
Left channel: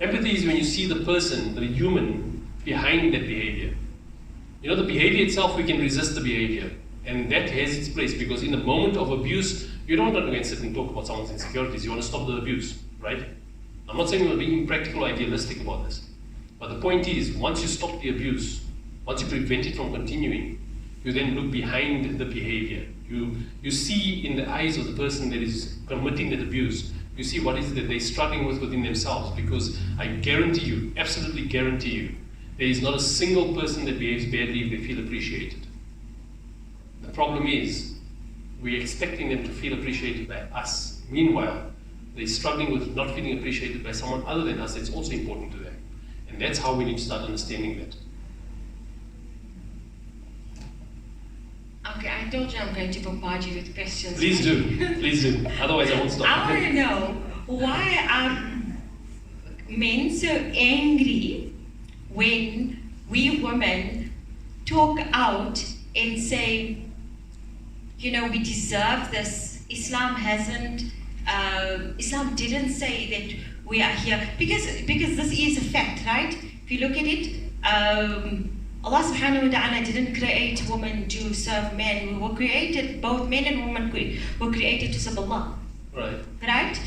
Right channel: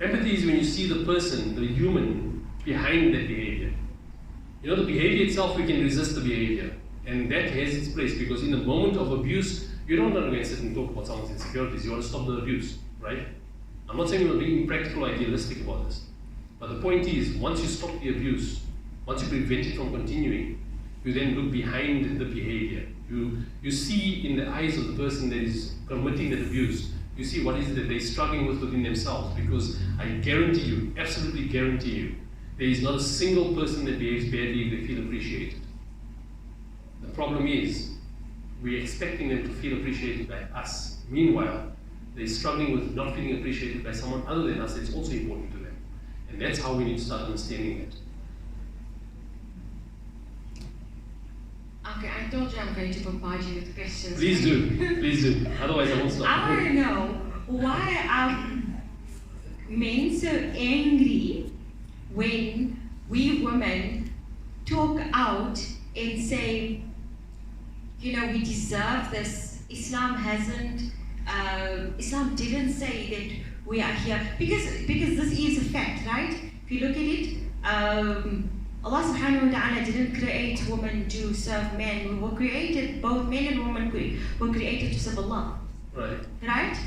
Empathy is when you see the person, the human, behind that behavior. You know, the behavior itself, we can resist the behavior. And that has its place because in the moment of abuse, you don't want to go and sit and talk about someone's insecurities. You want to stop the abuse, right? I'm not saying we're being impractical or idealistic about this. But the point is, once you stop the abuse, once you prevent it from continuing, you then look behind the behavior. You see in the eyes of the person that is committing that abuse, you see what is it that they're struggling with within themselves. Because I guarantee you, absolutely guarantee you, there is not a single person that behaves badly if they feel appreciated. The problem is, we're expecting them to feel appreciated by us. Meanwhile, they're struggling with not feeling appreciated by someone other than us that's also important to them. And that's how we need to start understanding that. Okay, I told you I'm going to bombard you with questions. Please do, please do. Otherwise I won't stop. I want to know, why are men so angry when we women talk out and say, you know, we deserve this. Islam didn't say that we are here, because this is a fact, right? If you look at it, Allah subhanahu wa ta'ala didn't create women to serve men. We were created, both men and women were created to serve Allah. Right. Right?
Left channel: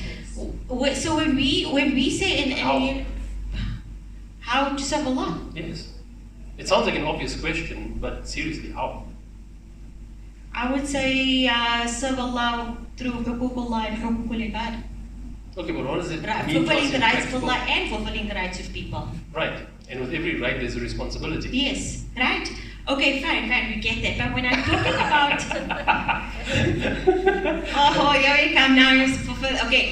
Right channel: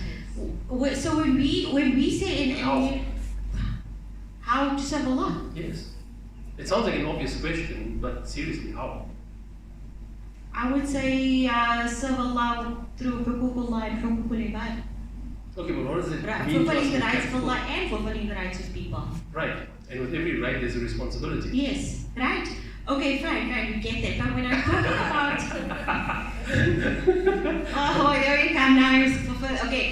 So when we say how to serve Allah? Yes. It sounds like an obvious question, but seriously, how? I would say serve Allah through hukukullah and hukukul ibad. Okay, but what does it Right, mean? fulfilling the in rights of practical? Allah and fulfilling the rights of people. Right, and with every right there's a responsibility. Yes, right? Okay, fine, we get that. But when I'm talking about... oh, here we come now. Okay,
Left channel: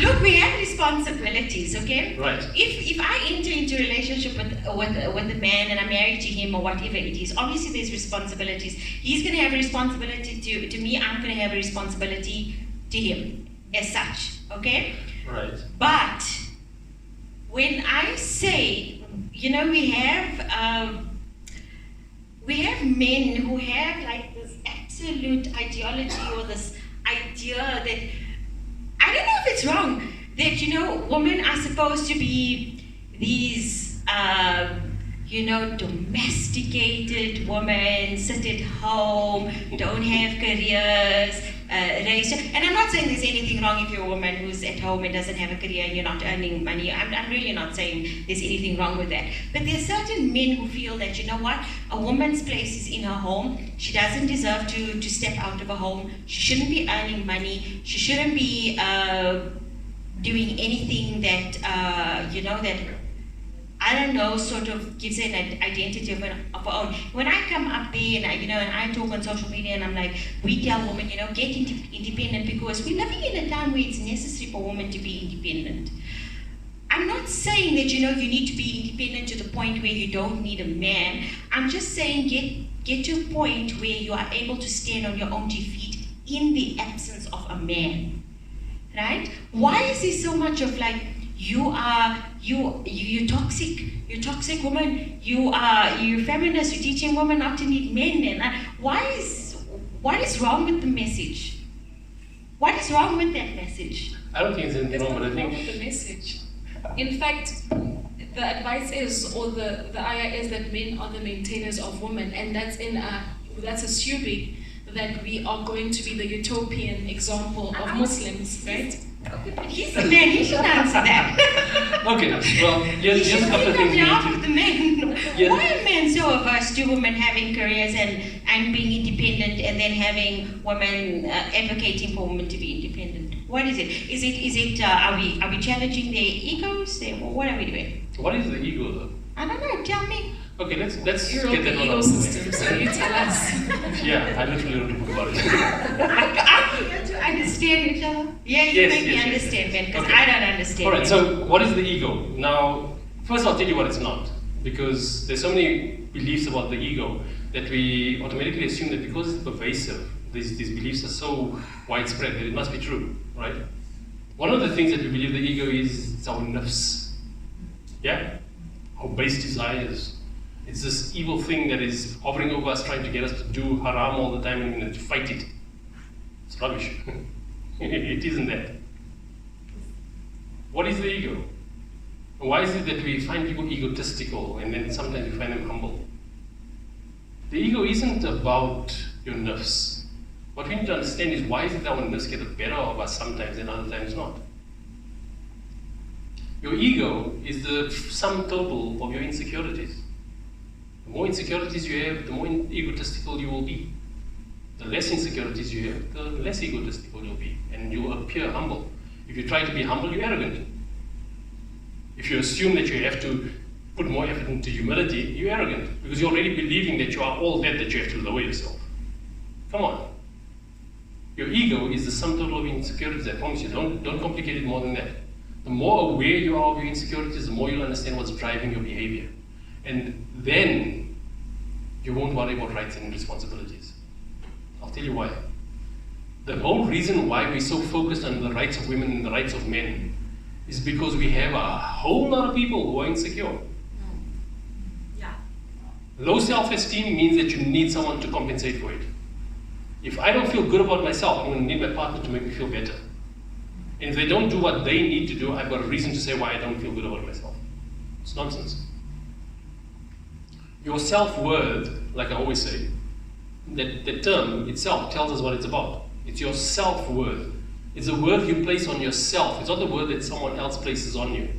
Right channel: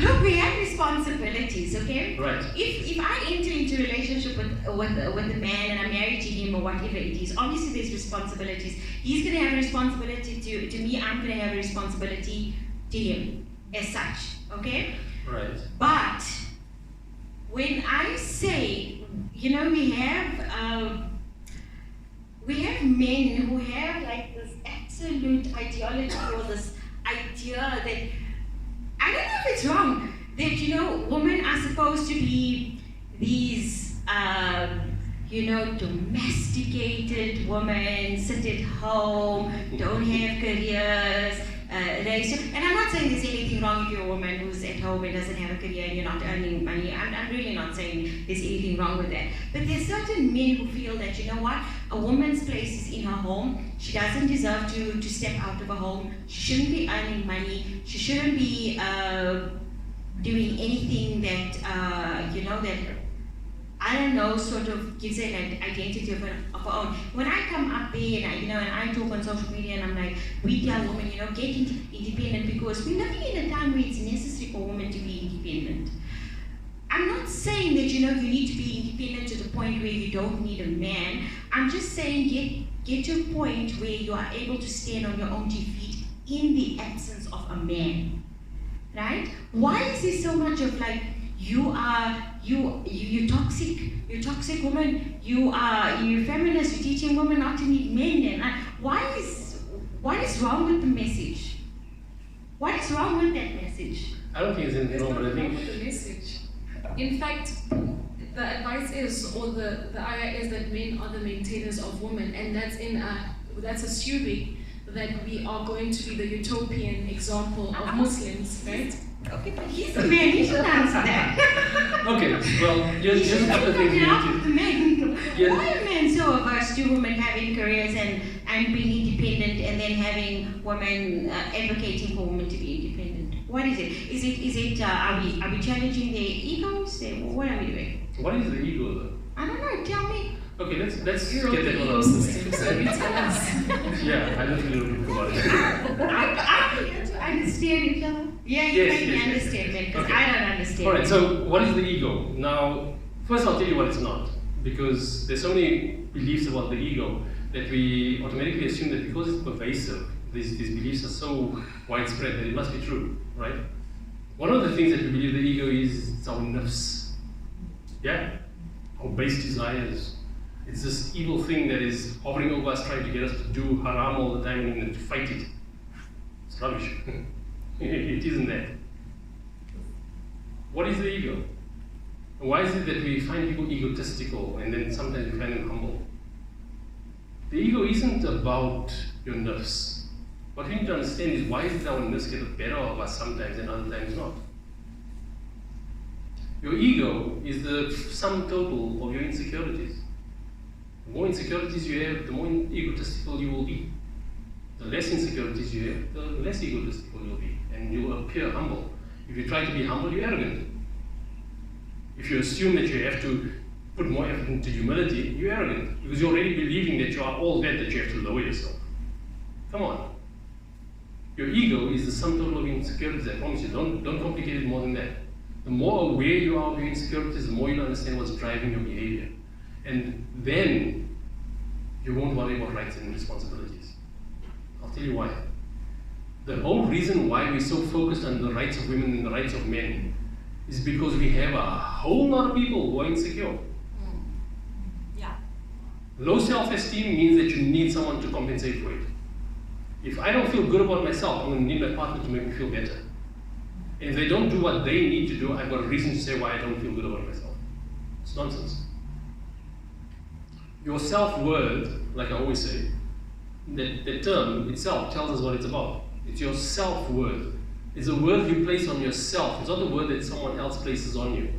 look, we have responsibilities, okay? Right. If I enter into a relationship with a man and I'm married to him or whatever it is, obviously there's responsibilities. He's going to have a responsibility to me. I'm going to have a responsibility to him as such, okay? Right. But when I say, you know, we have men who have like this absolute ideology or this idea that, I don't know if it's wrong, that, you know, women are supposed to be these, you know, domesticated women, sit at home, don't have careers, raise. And I'm not saying there's anything wrong if you're a woman who's at home and doesn't have a career and you're not earning money. I'm really not saying there's anything wrong with that. But there's certain men who feel that, you know what, a woman's place is in her home. She doesn't deserve to step out of her home. She shouldn't be earning money. She shouldn't be doing anything that, you know, that, I don't know, sort of gives it an identity of her own. When I come up there and I talk on social media and I'm like, we tell women, you know, get independent because we're living in a time where it's necessary for women to be independent. I'm not saying that, you know, you need to be independent to the point where you don't need a man. I'm just saying get to a point where you are able to stand on your own 2 feet in the absence of a man, right? Why is there so much of like, you're toxic woman, you're feminist, you're teaching women not to need men, and what is wrong with the message? What is wrong with that message? I don't think there's anything wrong, but I think... with the message. In fact, the advice is, or the ayah is that men are the maintainers of women, and that's assuming that we are going to be the utopian example of Muslims, right? Okay, but he's the man, he should answer that. Okay, well, here's a couple of things we need to... The men. Yeah. Why are men so averse to women having careers and being independent, and then having women advocating for women to be independent? What is it? Is it are we challenging their egos? What are we doing? What is the ego, though? I don't know. Tell me. Okay, let's You're get that the one ego out. system, so you tell us. Yeah, I literally don't talk about it. I'm here to understand each other. Yeah, you make me understand, man, because Okay. I don't understand. Alright, so what is the ego? Now, first I'll tell you what it's not. Because there's so many beliefs about the ego that we automatically assume that because it's pervasive, these beliefs are so widespread that it must be true, right? One of the things that we believe the ego is our nafs. Yeah? Our base desires. It's this evil thing that is hovering over us, trying to get us to do haram all the time and to fight it. It's rubbish. It isn't that. What is the ego? Why is it that we find people egotistical and then sometimes we find them humble? The ego isn't about your nerves. What we need to understand is why is it that our nerves get the better of us sometimes and other times not? Your ego is the sum total of your insecurities. The more insecurities you have, the more egotistical you will be. The less insecurities you have, the less egotistical you'll be, and you will appear humble. If you try to be humble, you're arrogant. If you assume that you have to put more effort into humility, you're arrogant, because you're already believing that you are all that you have to lower yourself. Come on. Your ego is the sum total of insecurities, I promise you. Don't complicate it more than that. The more aware you are of your insecurities, the more you'll understand what's driving your behavior. And then you won't worry about rights and responsibilities. I'll tell you why. The whole reason why we're so focused on the rights of women and the rights of men is because we have a whole lot of people who are insecure. Yeah. Low self-esteem means that you need someone to compensate for it. If I don't feel good about myself, I'm going to need my partner to make me feel better. And if they don't do what they need to do, I've got a reason to say why I don't feel good about myself. It's nonsense. Your self-worth, like I always say, that term itself tells us what it's about. It's your self-worth. It's the worth you place on yourself. It's not the worth that someone else places on you.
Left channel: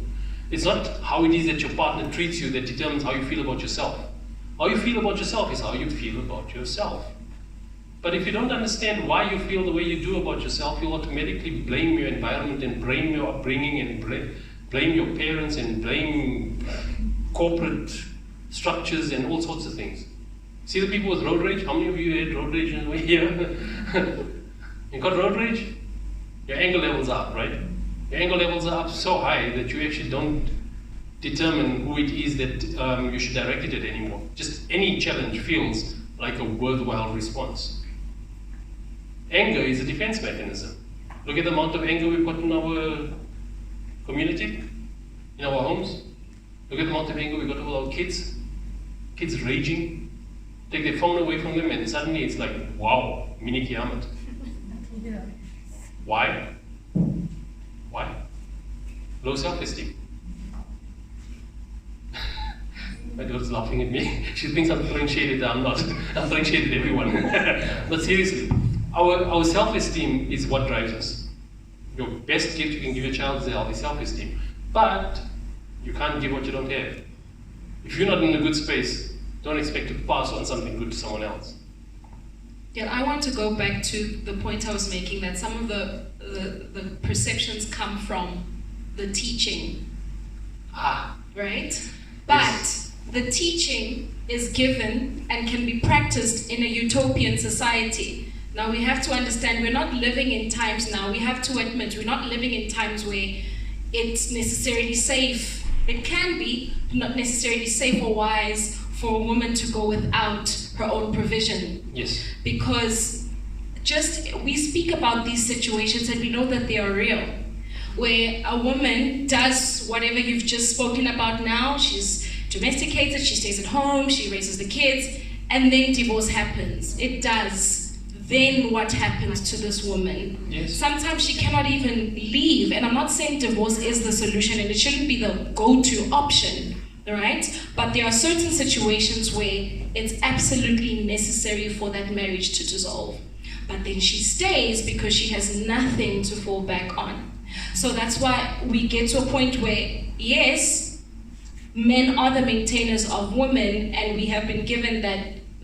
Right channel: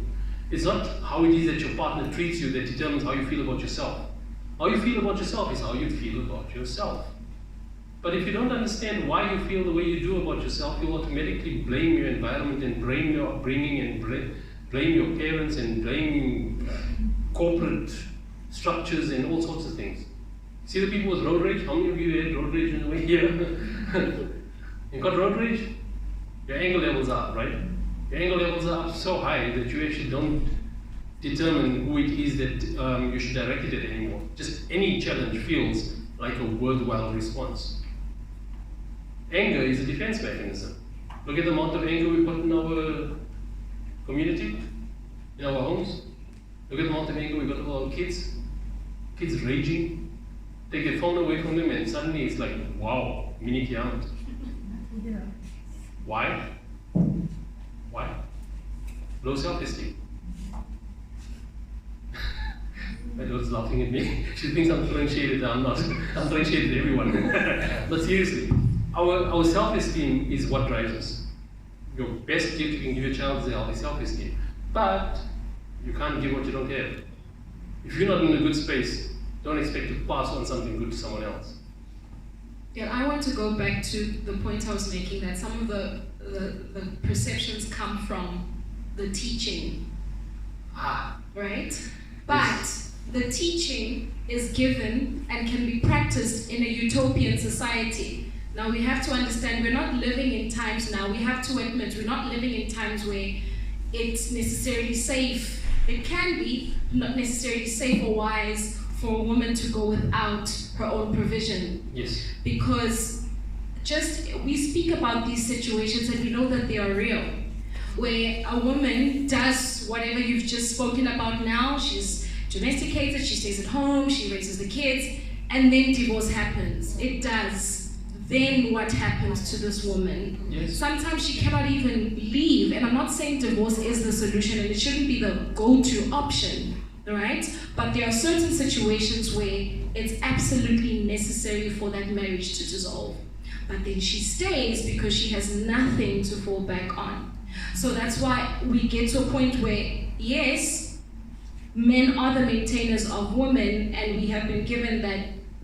It's not how it is that your partner treats you that determines how you feel about yourself. How you feel about yourself is how you feel about yourself. But if you don't understand why you feel the way you do about yourself, you'll automatically blame your environment and blame your upbringing and blame your parents and blame corporate structures and all sorts of things. See the people with road rage? How many of you had road rage on the way here? You got road rage? Your anger levels are up, right? Your anger levels are up so high that you actually don't determine who it is that you should direct it at anymore. Just any challenge feels like a worthwhile response. Anger is a defense mechanism. Look at the amount of anger we put in our community, in our homes. Look at the amount of anger we got with our kids. Kids raging. Take their phone away from them and suddenly it's like, wow, mini kiamat. Yeah. Why? Why? Low self-esteem. My daughter's laughing at me. She thinks I'm throwing shade at her. I'm not. I'm throwing shade at everyone. But seriously, our self-esteem is what drives us. Your best gift you can give your child is healthy self-esteem. But you can't give what you don't have. If you're not in a good space, don't expect to pass on something good to someone else. Yeah, I want to go back to the point I was making, that some of the perceptions come from the teaching, right? But Yes. the teaching is given and can be practiced in a utopian society. Now we have to understand we're not living in times now, we have to admit we're not living in times where it's necessarily safe. It can be, not necessarily safe or wise for a woman to go without her own provision. Yes. Because we speak about these situations and we know that they are real, where a woman does whatever you've just spoken about now. She's domesticated, she stays at home, she raises the kids, and then divorce happens. It does. Then what happens to this woman? Yes. Sometimes she cannot even leave, and I'm not saying divorce is the solution and it shouldn't be the go-to option, right? But there are certain situations where it's absolutely necessary for that marriage to dissolve. But then she stays because she has nothing to fall back on. So that's why we get to a point where, yes, men are the maintainers of women, and we have been given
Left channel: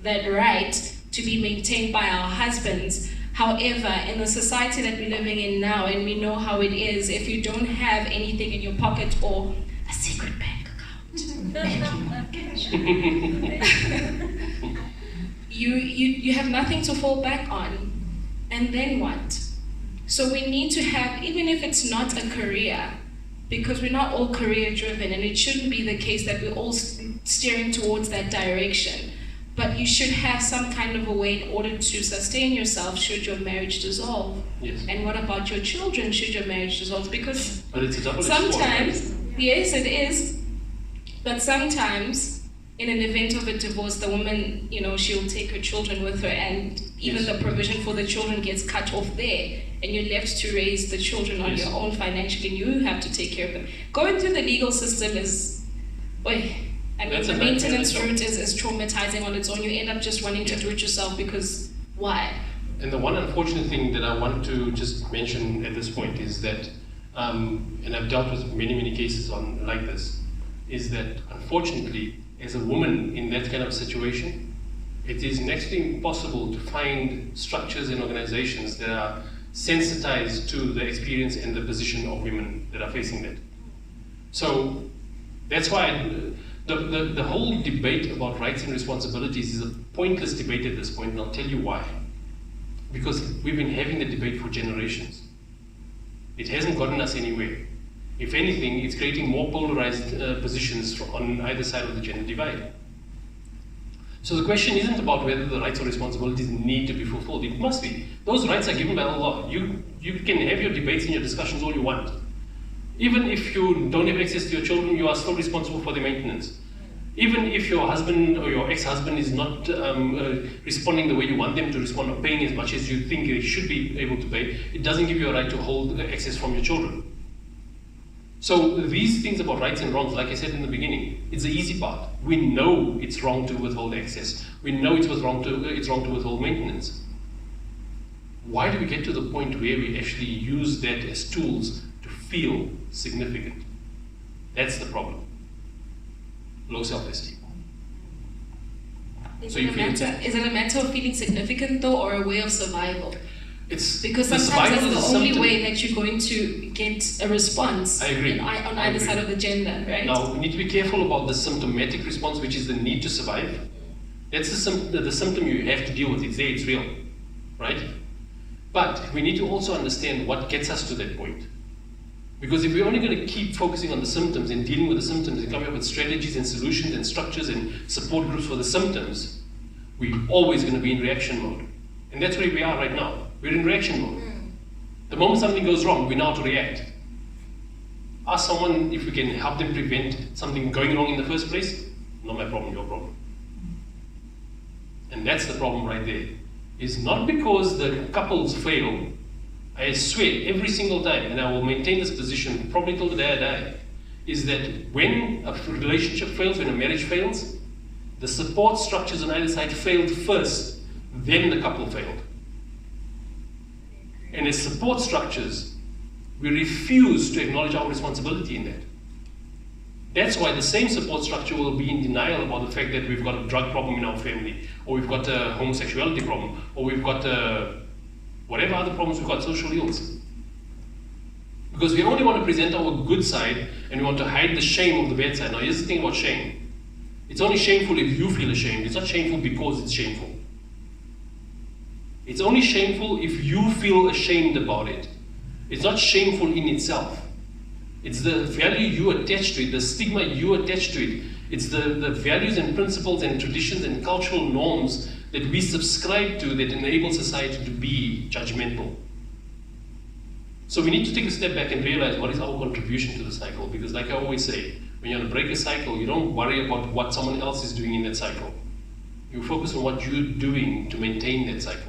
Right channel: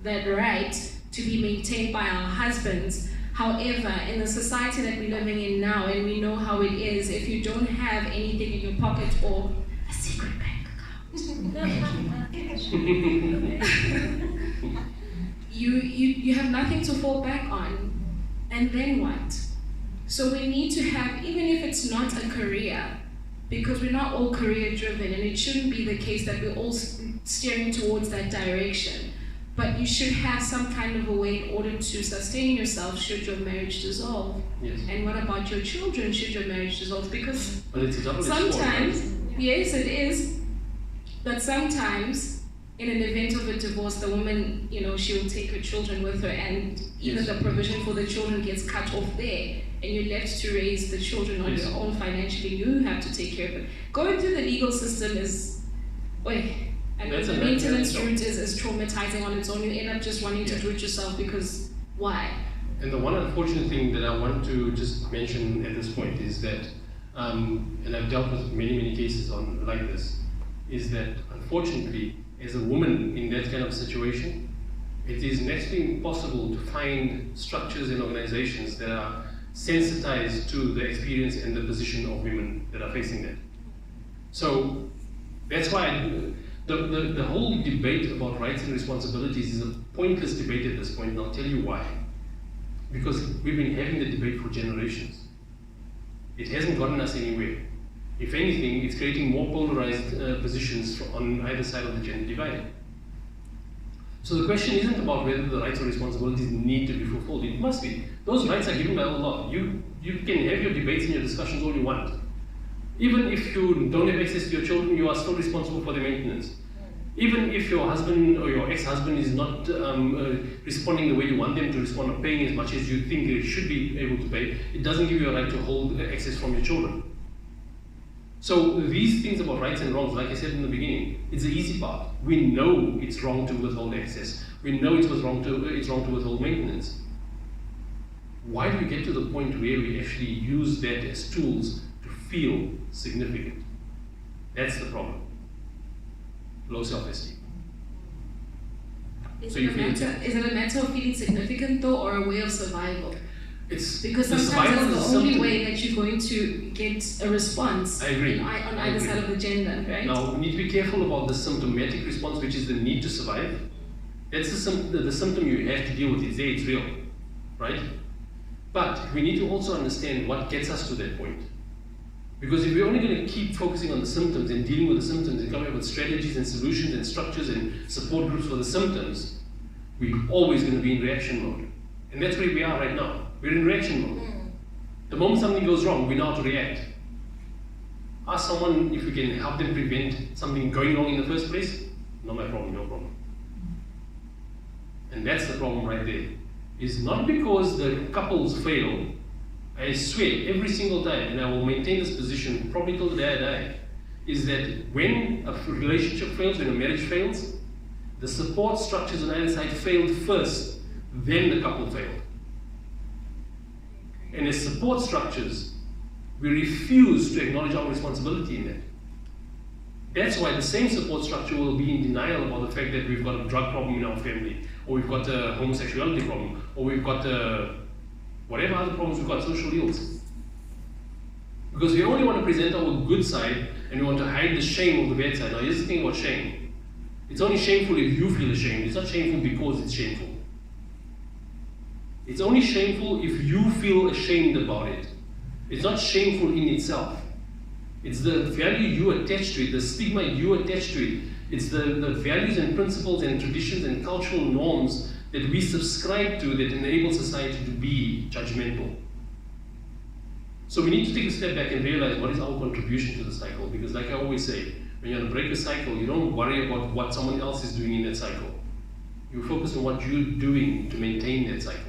that right to be maintained by our husbands. However, in the society that we're living in now, and we know how it is, if you don't have anything in your pocket or a secret bank account, you have nothing to fall back on. And then what? So we need to have, even if it's not a career, because we're not all career driven, and it shouldn't be the case that we're all steering towards that direction. But you should have some kind of a way in order to sustain yourself should your marriage dissolve. Yes. And what about your children should your marriage dissolve? Because But it's a double-edged sword. sometimes, yes, it is. But sometimes, in an event of a divorce, the woman, she'll take her children with her, and even Yes. the provision for the children gets cut off there, and you're left to raise the children on Yes. your own financially, and you have to take care of them. Going through the legal system is, That's the a maintenance nightmare. route is traumatizing on its own. You end up just wanting to do it yourself because why? And the one unfortunate thing that I want to just mention at this point is that, and I've dealt with many, many cases like this, is that unfortunately, as a woman in that kind of situation, it is next to impossible to find structures and organizations that are sensitized to the experience and the position of women that are facing that. So that's why the whole debate about rights and responsibilities is a pointless debate at this point, and I'll tell you why. Because we've been having the debate for generations. It hasn't gotten us anywhere. If anything, it's creating more polarized positions on either side of the gender divide. So the question isn't about whether the rights or responsibilities need to be fulfilled. It must be. Those rights are given by the law. You can have your debates and your discussions all you want. Even if you don't have access to your children, you are still responsible for their maintenance. Even if your husband or your ex-husband is not responding the way you want them to respond, or paying as much as you think they should be able to pay, it doesn't give you a right to hold access from your children. So these things about rights and wrongs, like I said in the beginning, it's the easy part. We know it's wrong to withhold access. We know it's wrong to withhold maintenance. Why do we get to the point where we actually use that as tools to feel significant? That's the problem. Low self-esteem. Is it a matter of feeling significant though, or a way of survival? Because sometimes that's the only way that you're going to get a response. I agree. On either side of the gender, right? Now, we need to be careful about the symptomatic response, which is the need to survive. That's the symptom you have to deal with. It's there, it's real, right? But we need to also understand what gets us to that point. Because if we're only going to keep focusing on the symptoms and dealing with the symptoms and coming up with strategies and solutions and structures and support groups for the symptoms, we're always going to be in reaction mode. And that's where we are right now. We're in reaction mode. The moment something goes wrong, we know how to react. Ask someone if we can help them prevent something going wrong in the first place. Not my problem, your problem. And that's the problem right there. It's not because the couples fail. I swear, every single time, and I will maintain this position probably till the day I die, is that when a relationship fails, when a marriage fails, the support structures on either side failed first, then the couple failed. And as support structures, we refuse to acknowledge our responsibility in that. That's why the same support structure will be in denial about the fact that we've got a drug problem in our family, or we've got a homosexuality problem, or we've got whatever other problems we've got, social ills. Because we only want to present our good side, and we want to hide the shame of the bad side. Now here's the thing about shame. It's only shameful if you feel ashamed. It's not shameful because it's shameful. It's only shameful if you feel ashamed about it. It's not shameful in itself. It's the value you attach to it, the stigma you attach to it. It's the values and principles and traditions and cultural norms that we subscribe to that enable society to be judgmental. So we need to take a step back and realize what is our contribution to the cycle. Because like I always say, when you want to break a cycle, you don't worry about what someone else is doing in that cycle. You focus on what you're doing to maintain that cycle.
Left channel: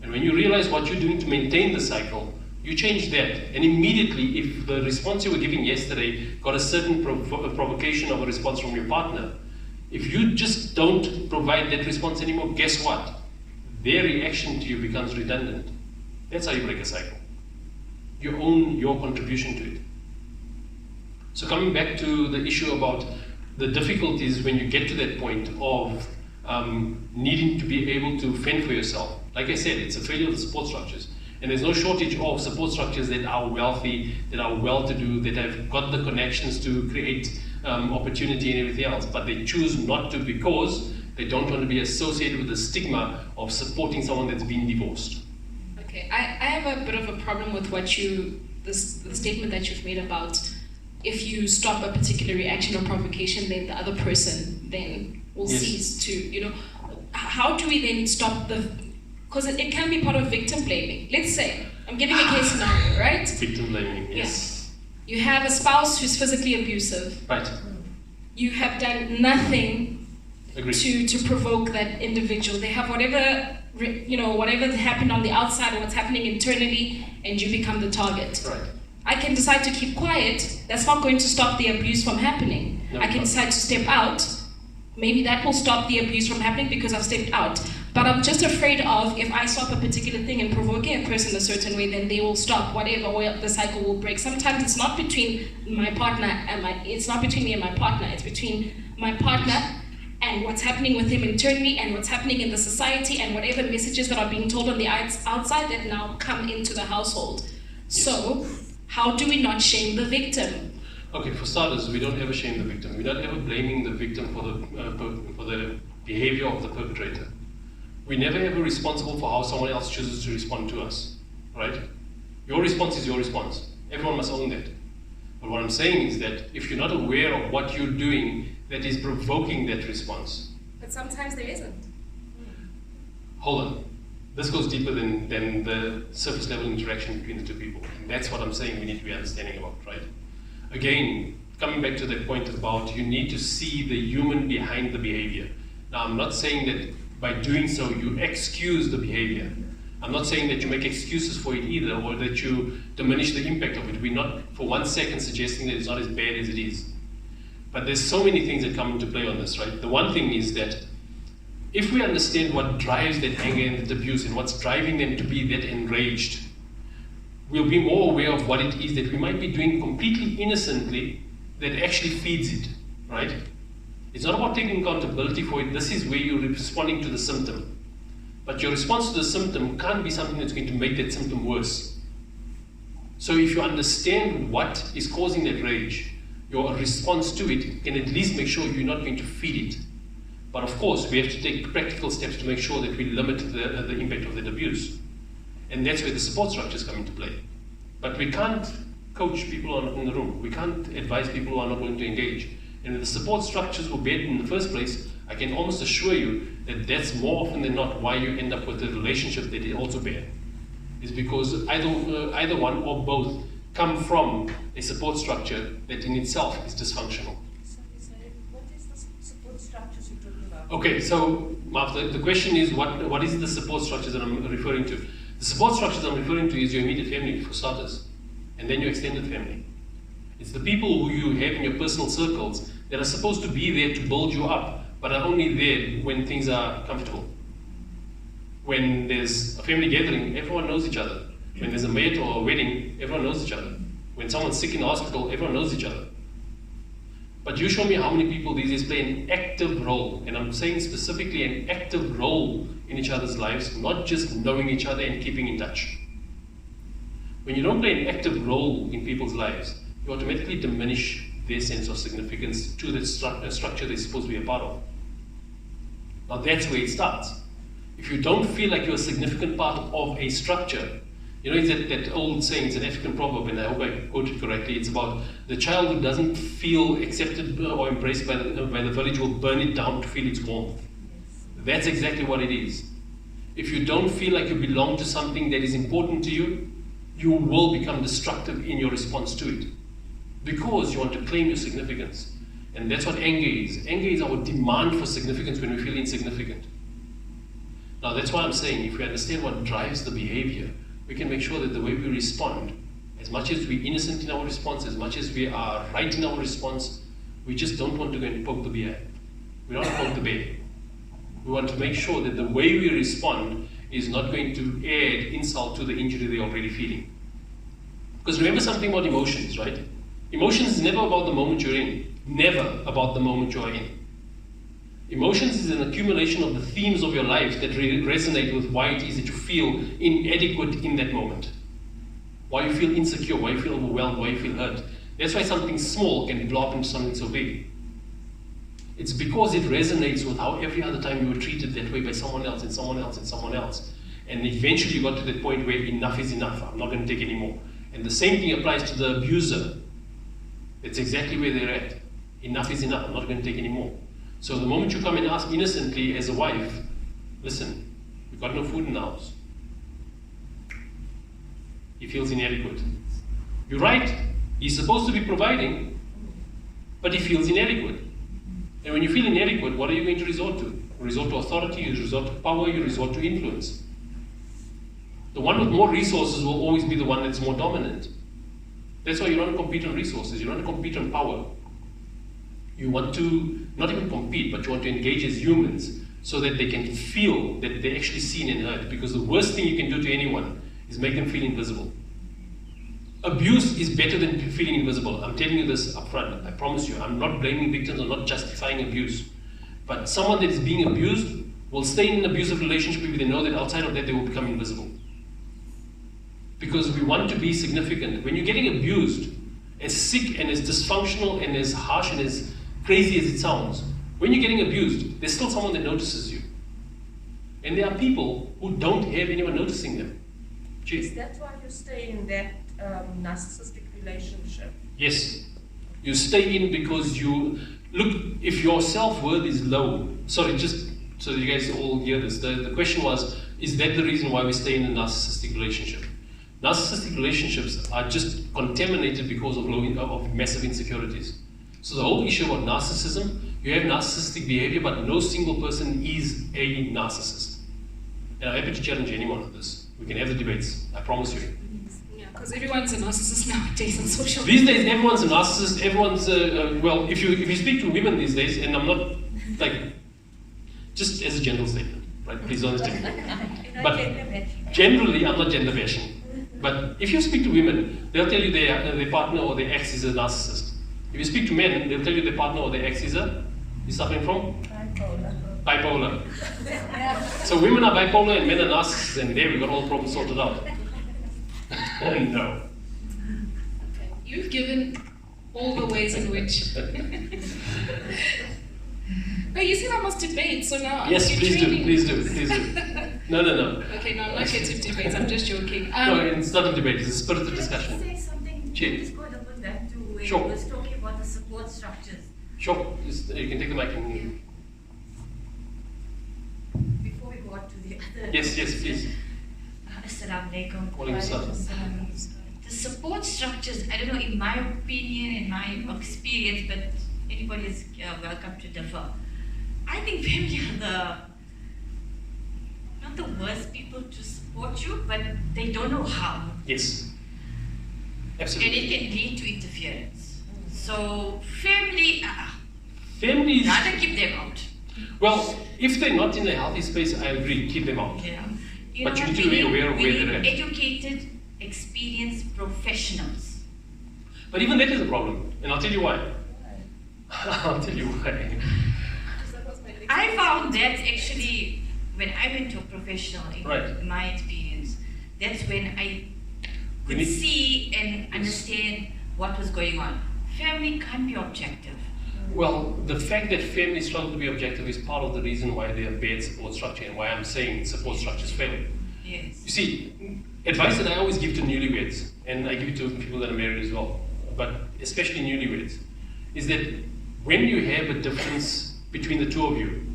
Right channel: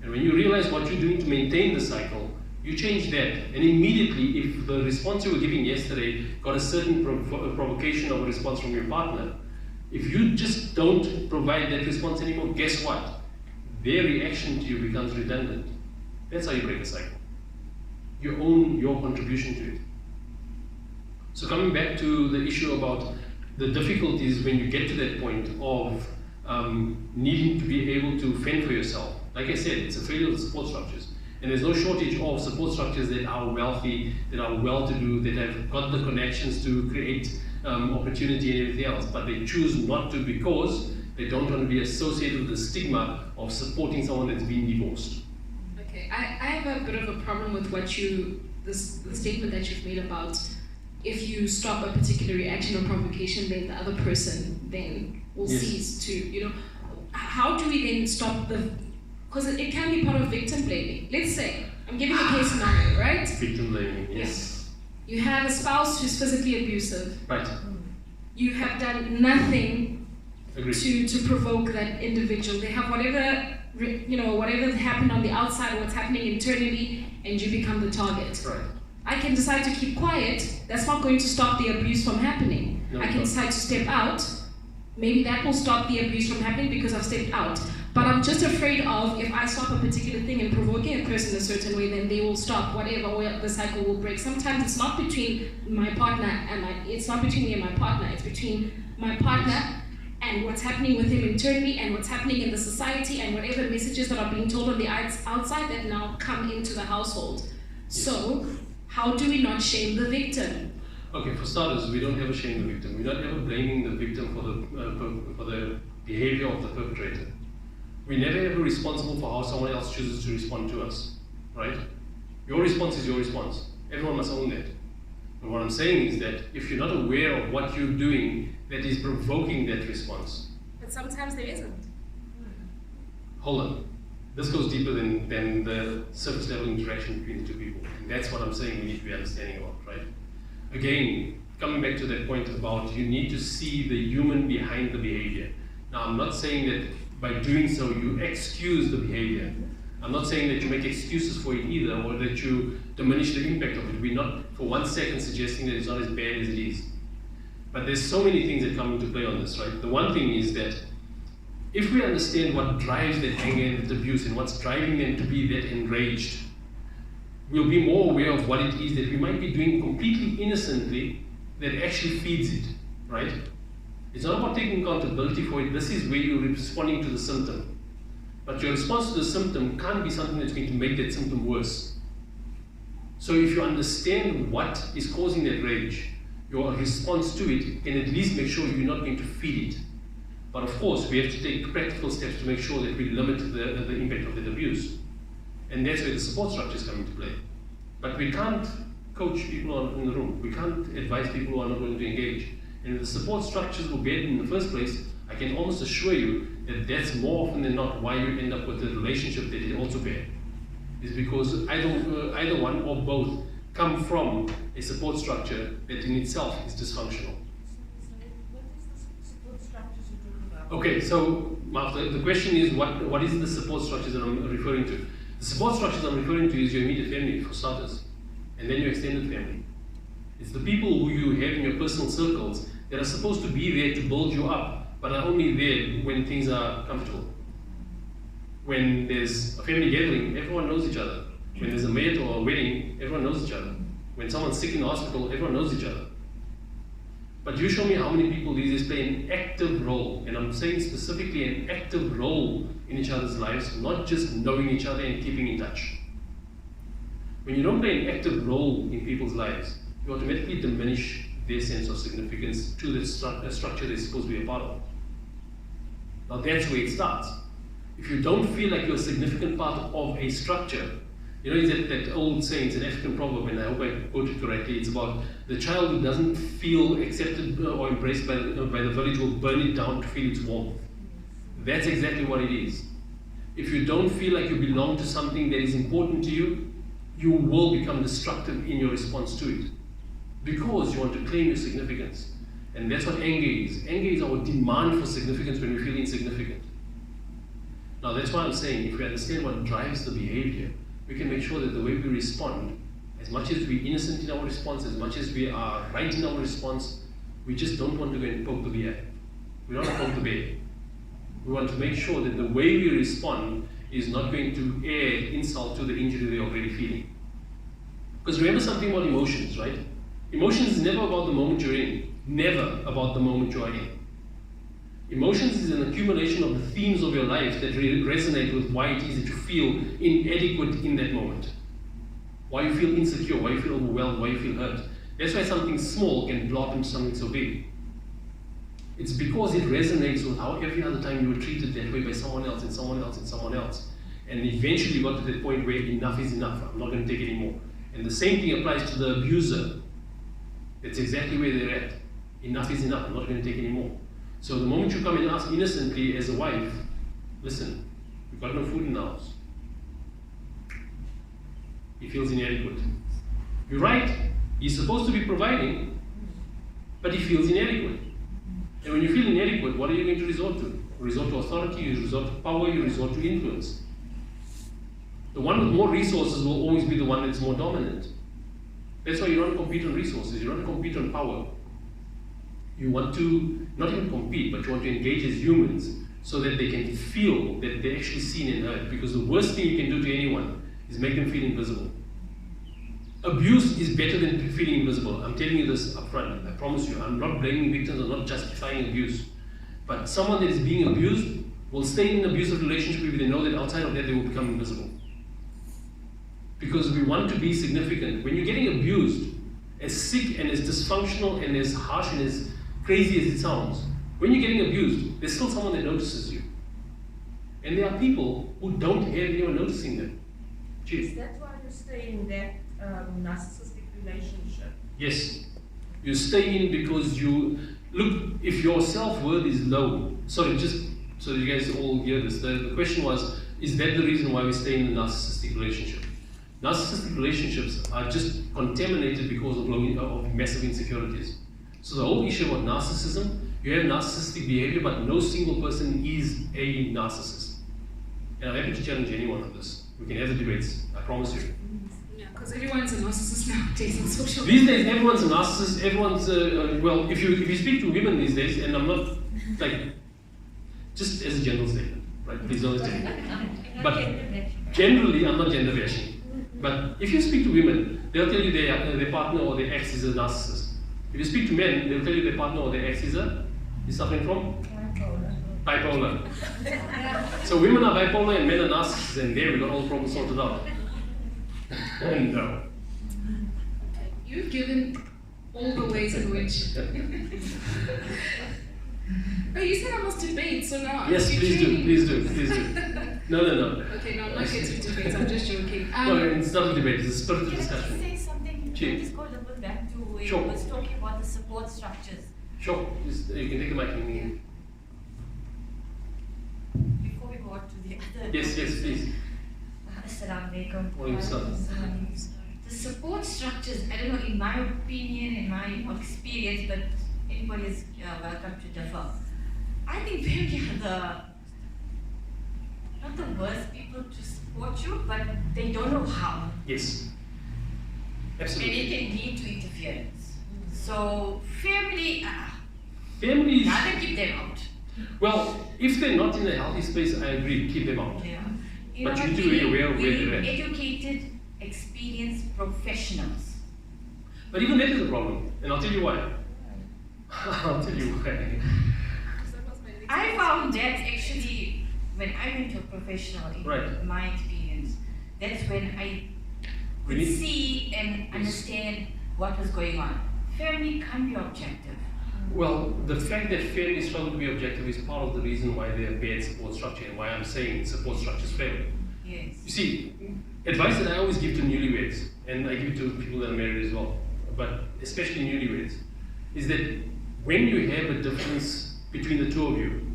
And when you realize what you're doing to maintain the cycle, you change that. And immediately, if the response you were giving yesterday got a certain provocation of a response from your partner, if you just don't provide that response anymore, guess what? Their reaction to you becomes redundant. That's how you break a cycle. You own your contribution to it. So coming back to the issue about the difficulties when you get to that point of needing to be able to fend for yourself. Like I said, it's a failure of the support structures. And there's no shortage of support structures that are wealthy, that are well-to-do, that have got the connections to create opportunity and everything else. But they choose not to because they don't want to be associated with the stigma of supporting someone that's been divorced. Okay, I have a bit of a problem with the statement that you've made about if you stop a particular reaction or provocation, then the other person then will cease to, how do we then stop because it can be part of victim blaming. Let's say, I'm giving a case scenario, right? Victim blaming, yes. Yeah. You have a spouse who's physically abusive. Right. You have done nothing to provoke that individual. They have whatever happened on the outside or what's happening internally, and you become the target. Right. I can decide to keep quiet. That's not going to stop the abuse from happening. No, I can decide to step out. Maybe that will stop the abuse from happening because I've stepped out. But I'm just afraid of if I stop a particular thing and provoking a person a certain way, then they will stop whatever, or the cycle will break. Sometimes it's not between my partner and it's not between me and my partner. It's between my partner and what's happening with him internally and what's happening in the society and whatever messages that are being told on the outside that now come into the household. Yes. So how do we not shame the victim? Okay, for starters, we don't ever shame the victim. We're not ever blaming the victim for the behavior of the perpetrator. We're never ever responsible for how someone else chooses to respond to us, right? Your response is your response. Everyone must own that. But what I'm saying is that if you're not aware of what you're doing that is provoking that response. But sometimes there isn't. Hold on. This goes deeper than the surface level interaction between the two people. And that's what I'm saying we need to be understanding about, right? Again, coming back to that point about you need to see the human behind the behavior. Now, I'm not saying that by doing so you excuse the behavior. I'm not saying that you make excuses for it either, or that you diminish the impact of it. We're not for 1 second suggesting that it's not as bad as it is. But there's so many things that come into play on this, right? The one thing is that if we understand what drives that anger and that abuse and what's driving them to be that enraged, we'll be more aware of what it is that we might be doing completely innocently that actually feeds it, right? It's not about taking accountability for it. This is where you're responding to the symptom. But your response to the symptom can't be something that's going to make that symptom worse. So if you understand what is causing that rage, your response to it can at least make sure you're not going to feed it. But of course, we have to take practical steps to make sure that we limit the impact of that abuse. And that's where the support structures come into play. But we can't coach people in the room. We can't advise people who are not willing to engage. And when the support structures were bad in the first place, I can almost assure you that that's more often than not why you end up with a relationship that is also bad. Is because either one or both come from a support structure that in itself is dysfunctional. What is the support structures you're talking about? Okay, so Martha, the question is what is the support structures that I'm referring to? The support structures I'm referring to is your immediate family, for starters, and then your extended family. It's the people who you have in your personal circles that are supposed to be there to build you up, but are only there when things are comfortable. When there's a family gathering, everyone knows each other. When there's a maid or a wedding, everyone knows each other. When someone's sick in the hospital, everyone knows each other. But you show me how many people these days play an active role, and I'm saying specifically an active role in each other's lives, not just knowing each other and keeping in touch. When you don't play an active role in people's lives, you automatically diminish their sense of significance to the structure they're supposed to be a part of. Now that's where it starts. If you don't feel like you're a significant part of a structure, you know, it's that old saying, it's an African proverb, and I hope I quote it correctly, it's about the child who doesn't feel accepted or embraced by the village will burn it down to feel its warmth. That's exactly what it is. If you don't feel like you belong to something that is important to you, you will become destructive in your response to it. Because you want to claim your significance. And that's what anger is. Anger is our demand for significance when we feel insignificant. Now that's why I'm saying, if we understand what drives the behavior, we can make sure that the way we respond, as much as we're innocent in our response, as much as we are right in our response, we just don't want to go and poke the bear. We don't want to poke the bear. We want to make sure that the way we respond is not going to add insult to the injury they're already feeling. Because remember something about emotions, right? Emotions is never about the moment you're in. Never about the moment you are in. Emotions is an accumulation of the themes of your life that resonate with why it is that you feel inadequate in that moment. Why you feel insecure, why you feel overwhelmed, why you feel hurt. That's why something small can blow up into something so big. It's because it resonates with how every other time you were treated that way by someone else and someone else and someone else. And eventually you got to that point where enough is enough, I'm not going to take it anymore. And the same thing applies to the abuser. That's exactly where they're at. Enough is enough, I'm not going to take it anymore. So the moment you come and ask innocently as a wife, listen, we've got no food in the house. He feels inadequate. You're right, he's supposed to be providing, but he feels inadequate. And when you feel inadequate, what are you going to resort to? You resort to authority, you resort to power, you resort to influence. The one with more resources will always be the one that's more dominant. That's why you don't compete on resources, you don't compete on power. You want to not even compete, but you want to engage as humans so that they can feel that they're actually seen and heard. Because the worst thing you can do to anyone is make them feel invisible. Abuse is better than feeling invisible. I'm telling you this up front. I promise you. I'm not blaming victims. I'm not justifying abuse. But someone that is being abused will stay in an abusive relationship if they know that outside of that they will become invisible. Because we want to be significant. When you're getting abused, as sick and as dysfunctional and as harsh and as crazy as it sounds, when you're getting abused, there's still someone that notices you. And there are people who don't have anyone noticing them. Is that why you stay in that narcissistic relationship? Yes. You stay in because you, look, if your self-worth is low, sorry, just so that you guys all hear this, the question was, is that the reason why we stay in a narcissistic relationship? Narcissistic relationships are just contaminated because of massive insecurities. So the whole issue about narcissism, you have narcissistic behavior, but no single person is a narcissist. And I'm happy to challenge anyone on this. We can have the debates, I promise you. Yeah, because everyone's a narcissist nowadays on social media. These days, everyone's a narcissist, everyone's, well, if you speak to women these days, and I'm not, like, just as a general statement, right, please don't understand me. But generally, I'm not gender bashing. But if you speak to women, they'll tell you their partner or their ex is a narcissist. If you speak to men, they'll tell you their partner or their ex is a You're suffering from? Bipolar. Bipolar. So women are bipolar and men are narcissists, and there we got all the problems sorted out. No. Okay. You've given all the ways in which. Oh, you said I must debate, so now Yes, you're please training do, me. please do. No. Okay, no, I'm not here to debate. I'm just joking. No, it's not a debate, it's a spirited Can I just discussion. say something? Sure. Can I just go a little bit back to where Sure. you was talking about the support structures? Sure, you can take the mic and... Before we go on to the other... Yes, please. Assalamu alaikum. Walaikum salam. The support structures, I don't know, in my opinion, in my experience, but anybody is welcome to differ. I think family are not the worst people to support you, but they don't know how. Yes. And Absolutely. it can lead to interference. So family, Families, rather keep them out. well, if they're not in a healthy space, I agree, keep them out. You know, But you but need to be aware of we where need they're at. educated, experienced professionals. But even that is a problem, and I'll tell you why. I'll tell you why. That was my next I question. found that actually when I went to a professional, in Right. my experience, that's when I We could need- see and understand what was going on. Family can't be objective. Well, the fact that families struggle to be objective is part of the reason why they have bad support structure and why I'm saying support structures fail. Yes. You see, advice that I always give to newlyweds, and I give it to people that are married as well, but especially newlyweds, is that when you have a difference between the two of you,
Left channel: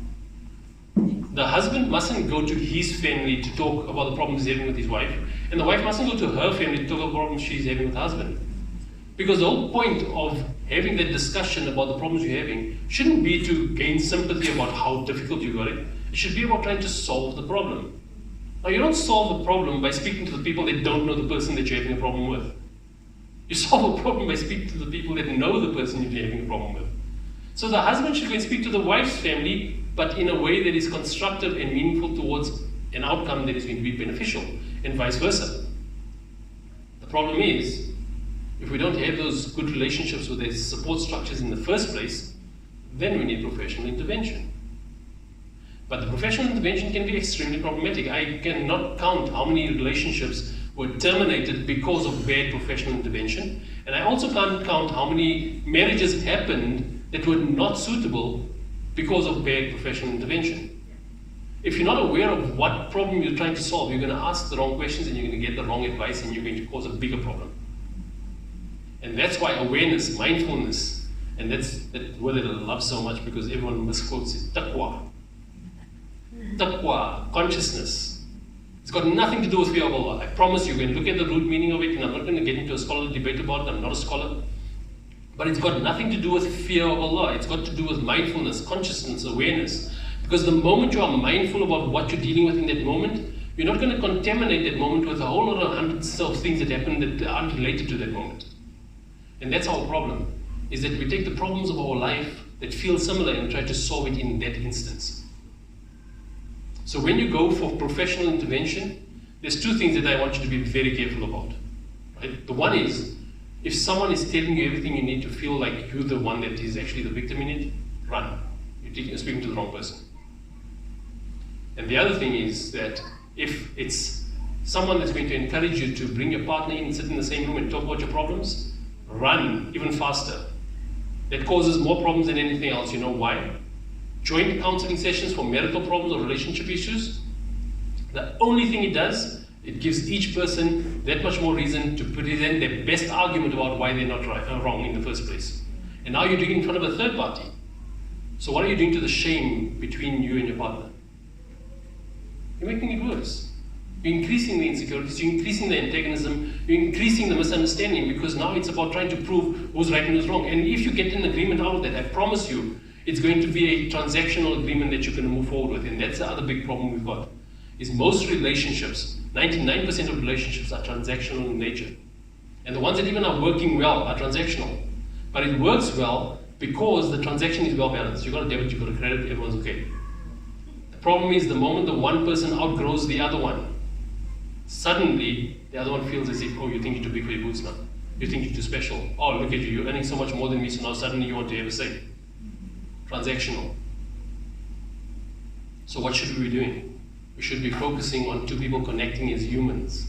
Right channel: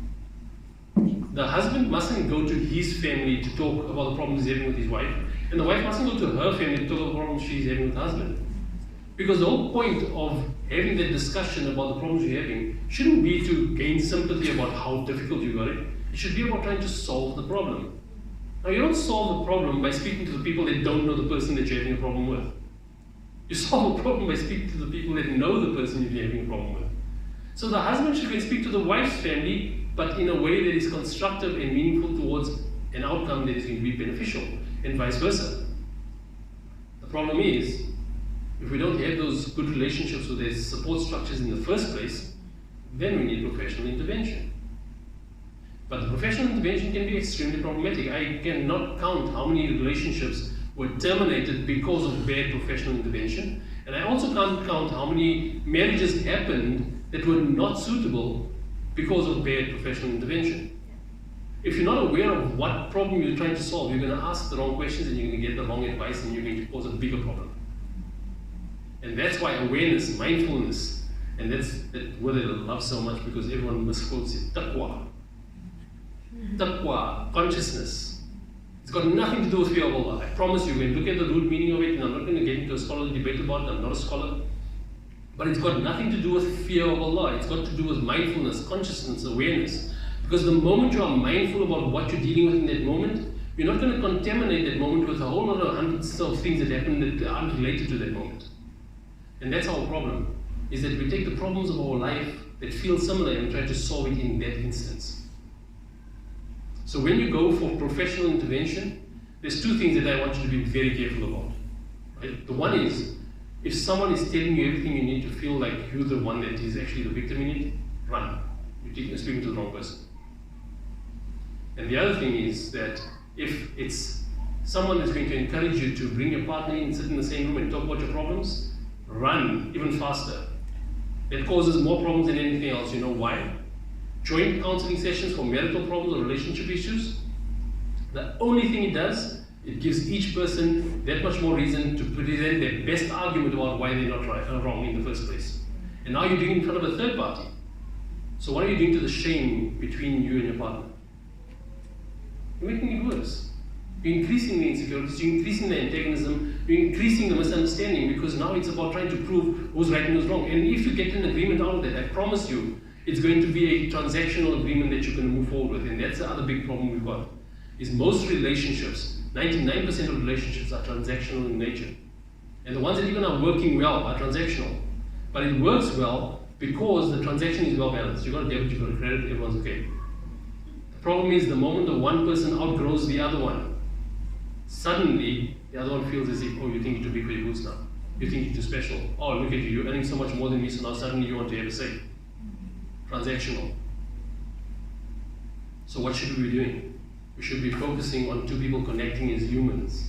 the husband mustn't go to his family to talk about the problems he's having with his wife, and the wife mustn't go to her family to talk about the problems she's having with her husband. Because the whole point of having that discussion about the problems you're having shouldn't be to gain sympathy about how difficult you got it. It should be about trying to solve the problem. Now, you don't solve the problem by speaking to the people that don't know the person that you're having a problem with. You solve a problem by speaking to the people that know the person you're having a problem with. So the husband should go and speak to the wife's family, but in a way that is constructive and meaningful towards an outcome that is going to be beneficial, and vice versa. The problem is, if we don't have those good relationships with these support structures in the first place, then we need professional intervention. But the professional intervention can be extremely problematic. I cannot count how many relationships were terminated because of bad professional intervention, and I also can't count how many marriages happened that were not suitable because of bad professional intervention. If you're not aware of what problem you're trying to solve, you're going to ask the wrong questions and you're going to get the wrong advice and you're going to cause a bigger problem. And that's why awareness, mindfulness, and that's that word that I love so much because everyone misquotes it, taqwa. Taqwa, consciousness. It's got nothing to do with fear of Allah. I promise you, when you look at the root meaning of it, and I'm not going to get into a scholarly debate about it, I'm not a scholar, but it's got nothing to do with fear of Allah. It's got to do with mindfulness, consciousness, awareness. Because the moment you are mindful about what you're dealing with in that moment, you're not going to contaminate that moment with a whole lot of hundreds of things that happen that aren't related to that moment. And that's our problem, is that we take the problems of our life that feel similar and try to solve it in that instance. So when you go for professional intervention, there's two things that I want you to be very careful about. Right? The one is, if someone is telling you everything you need to feel like you're the one that is actually the victim in it, run. You're speaking to the wrong person. And the other thing is that if it's someone that's going to encourage you to bring your partner in and sit in the same room and talk about your problems, run even faster. That causes more problems than anything else. You know why? Joint counseling sessions for marital problems or relationship issues, the only thing it does, it gives each person that much more reason to present their best argument about why they're not right, wrong in the first place. And now you're doing it in front of a third party. So what are you doing to the shame between you and your partner? You're making it worse. You're increasing the insecurities, you're increasing the antagonism, you're increasing the misunderstanding, because now it's about trying to prove who's right and who's wrong. And if you get an agreement out of that, I promise you, it's going to be a transactional agreement that you're going to move forward with. And that's the other big problem we've got, is most relationships, 99% of relationships are transactional in nature. And the ones that even are working well are transactional. But it works well because the transaction is well balanced. You've got a debit, you've got a credit, everyone's okay. The problem is the moment the one person outgrows the other one, suddenly the other one feels as if, oh, you think you're too big for your boots now. You think you're too special. Oh, look at you, you're earning so much more than me, so now suddenly you want to have a say. transactional. So what should we be doing? We should be focusing on two people connecting as humans,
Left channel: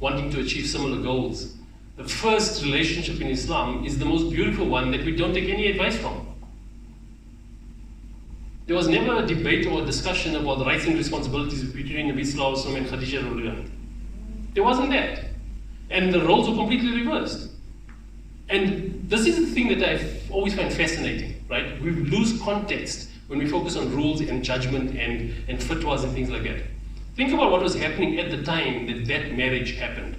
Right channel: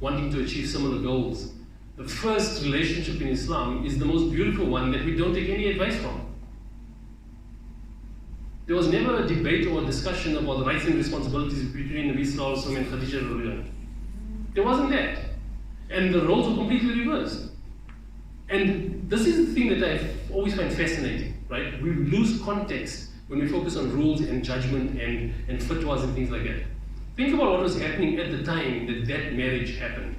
wanting to achieve similar goals. The first relationship in Islam is the most beautiful one that we don't take any advice from. There was never a debate or a discussion about the rights and responsibilities between Nabi Sallallahu Alaihi Wasallam and Khadija Radiallahu. There wasn't that. And the roles were completely reversed. And this is the thing that I've always found fascinating, right? We lose context when we focus on rules and judgment and fatwas and things like that. Think about what was happening at the time that marriage happened.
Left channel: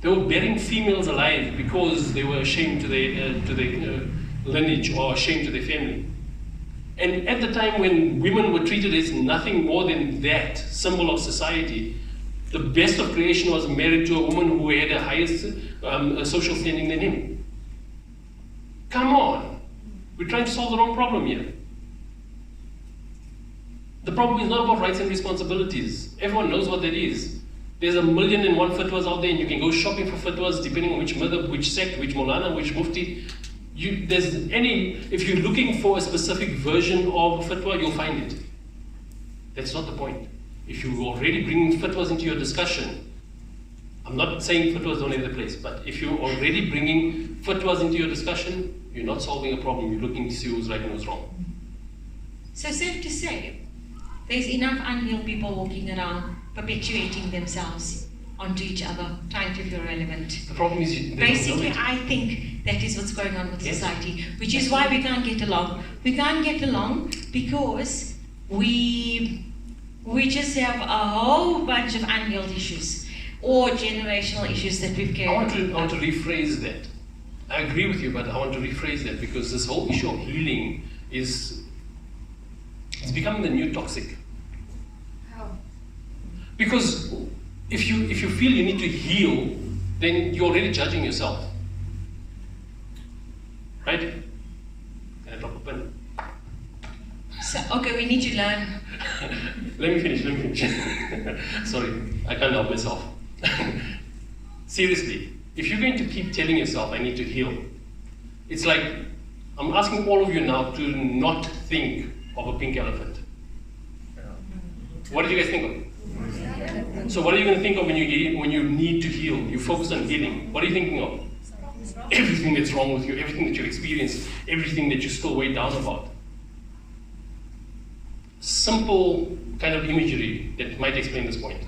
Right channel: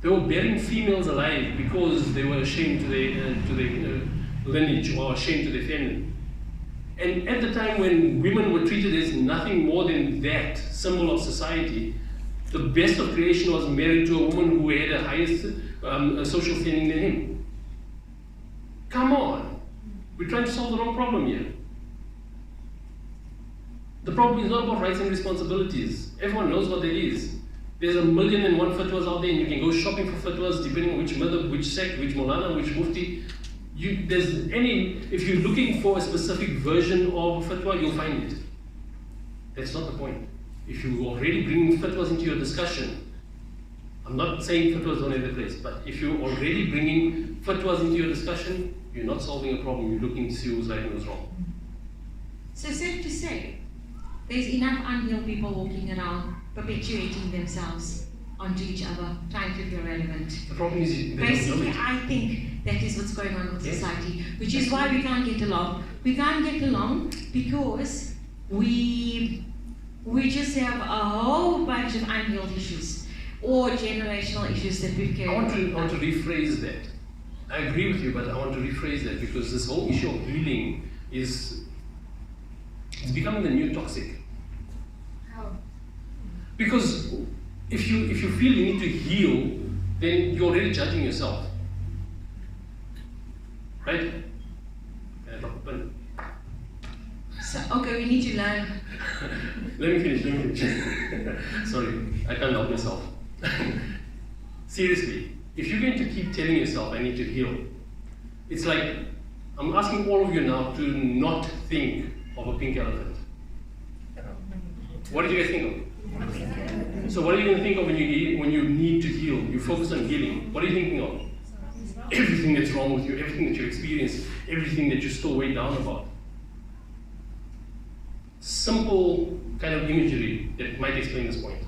They were burying females alive because they were ashamed to their lineage or ashamed to their family. And at the time when women were treated as nothing more than that symbol of society, the best of creation was married to a woman who had a higher social standing than him. Come on. We're trying to solve the wrong problem here. The problem is not about rights and responsibilities. Everyone knows what that is. There's 1,000,001 fatwas out there, and you can go shopping for fatwas depending on which madhab, which sect, which Maulana, which mufti. If you're looking for a specific version of fatwa, you'll find it. That's not the point. If you're already bringing fatwas into your discussion, I'm not saying fatwas don't have the place, but if you're already bringing fatwas into your discussion, you're not solving a problem. You're looking to see who's right and who's wrong. So safe to say, there's enough unhealed people walking around perpetuating themselves onto each other, trying to feel relevant. The problem is basically, I think that is what's going on with society, which is why we can't get along. We can't get along because we just have a whole bunch of unhealed issues or generational issues that we've carried. I want to rephrase that. I agree with you, but I want to rephrase that because this whole issue of healing it's becoming the new toxic. How? Because if you feel you need to heal, then you're already judging yourself. Right? Can I drop a pen? So, okay, we need to learn. Let me finish. Sorry, I can't help myself. Seriously, if you're going to keep telling yourself, I need to heal, it's like, I'm asking all of you now to not think of a pink elephant. What do you guys think of? So what are you going to think of when you need to heal? You focus on healing. What are you thinking of? Everything that's wrong with you, everything that you experienced, everything that you're still weighed down about. Simple kind of imagery that might explain this point.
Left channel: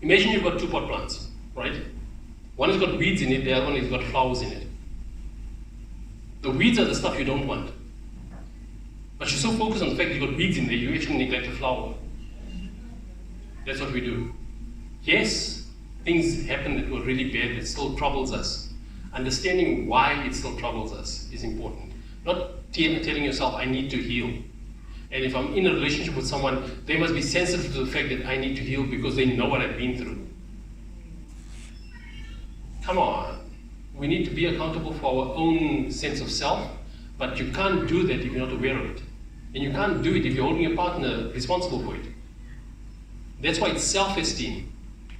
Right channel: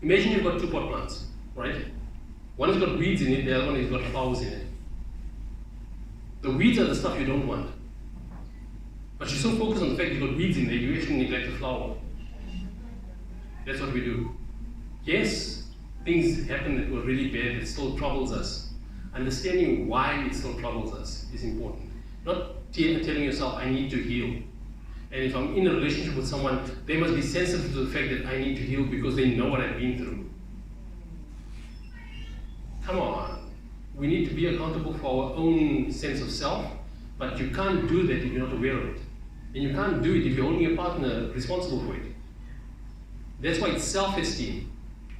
Imagine you've got two pot plants, right? One has got weeds in it, the other one has got flowers in it. The weeds are the stuff you don't want. But you're so focused on the fact you've got weeds in there, you actually neglect the flower. That's what we do. Yes, things happen that were really bad, it still troubles us. Understanding why it still troubles us is important. Not telling yourself, I need to heal. And if I'm in a relationship with someone, they must be sensitive to the fact that I need to heal because they know what I've been through. Come on. We need to be accountable for our own sense of self, but you can't do that if you're not aware of it. And you can't do it if you're holding your partner responsible for it. That's why it's self-esteem,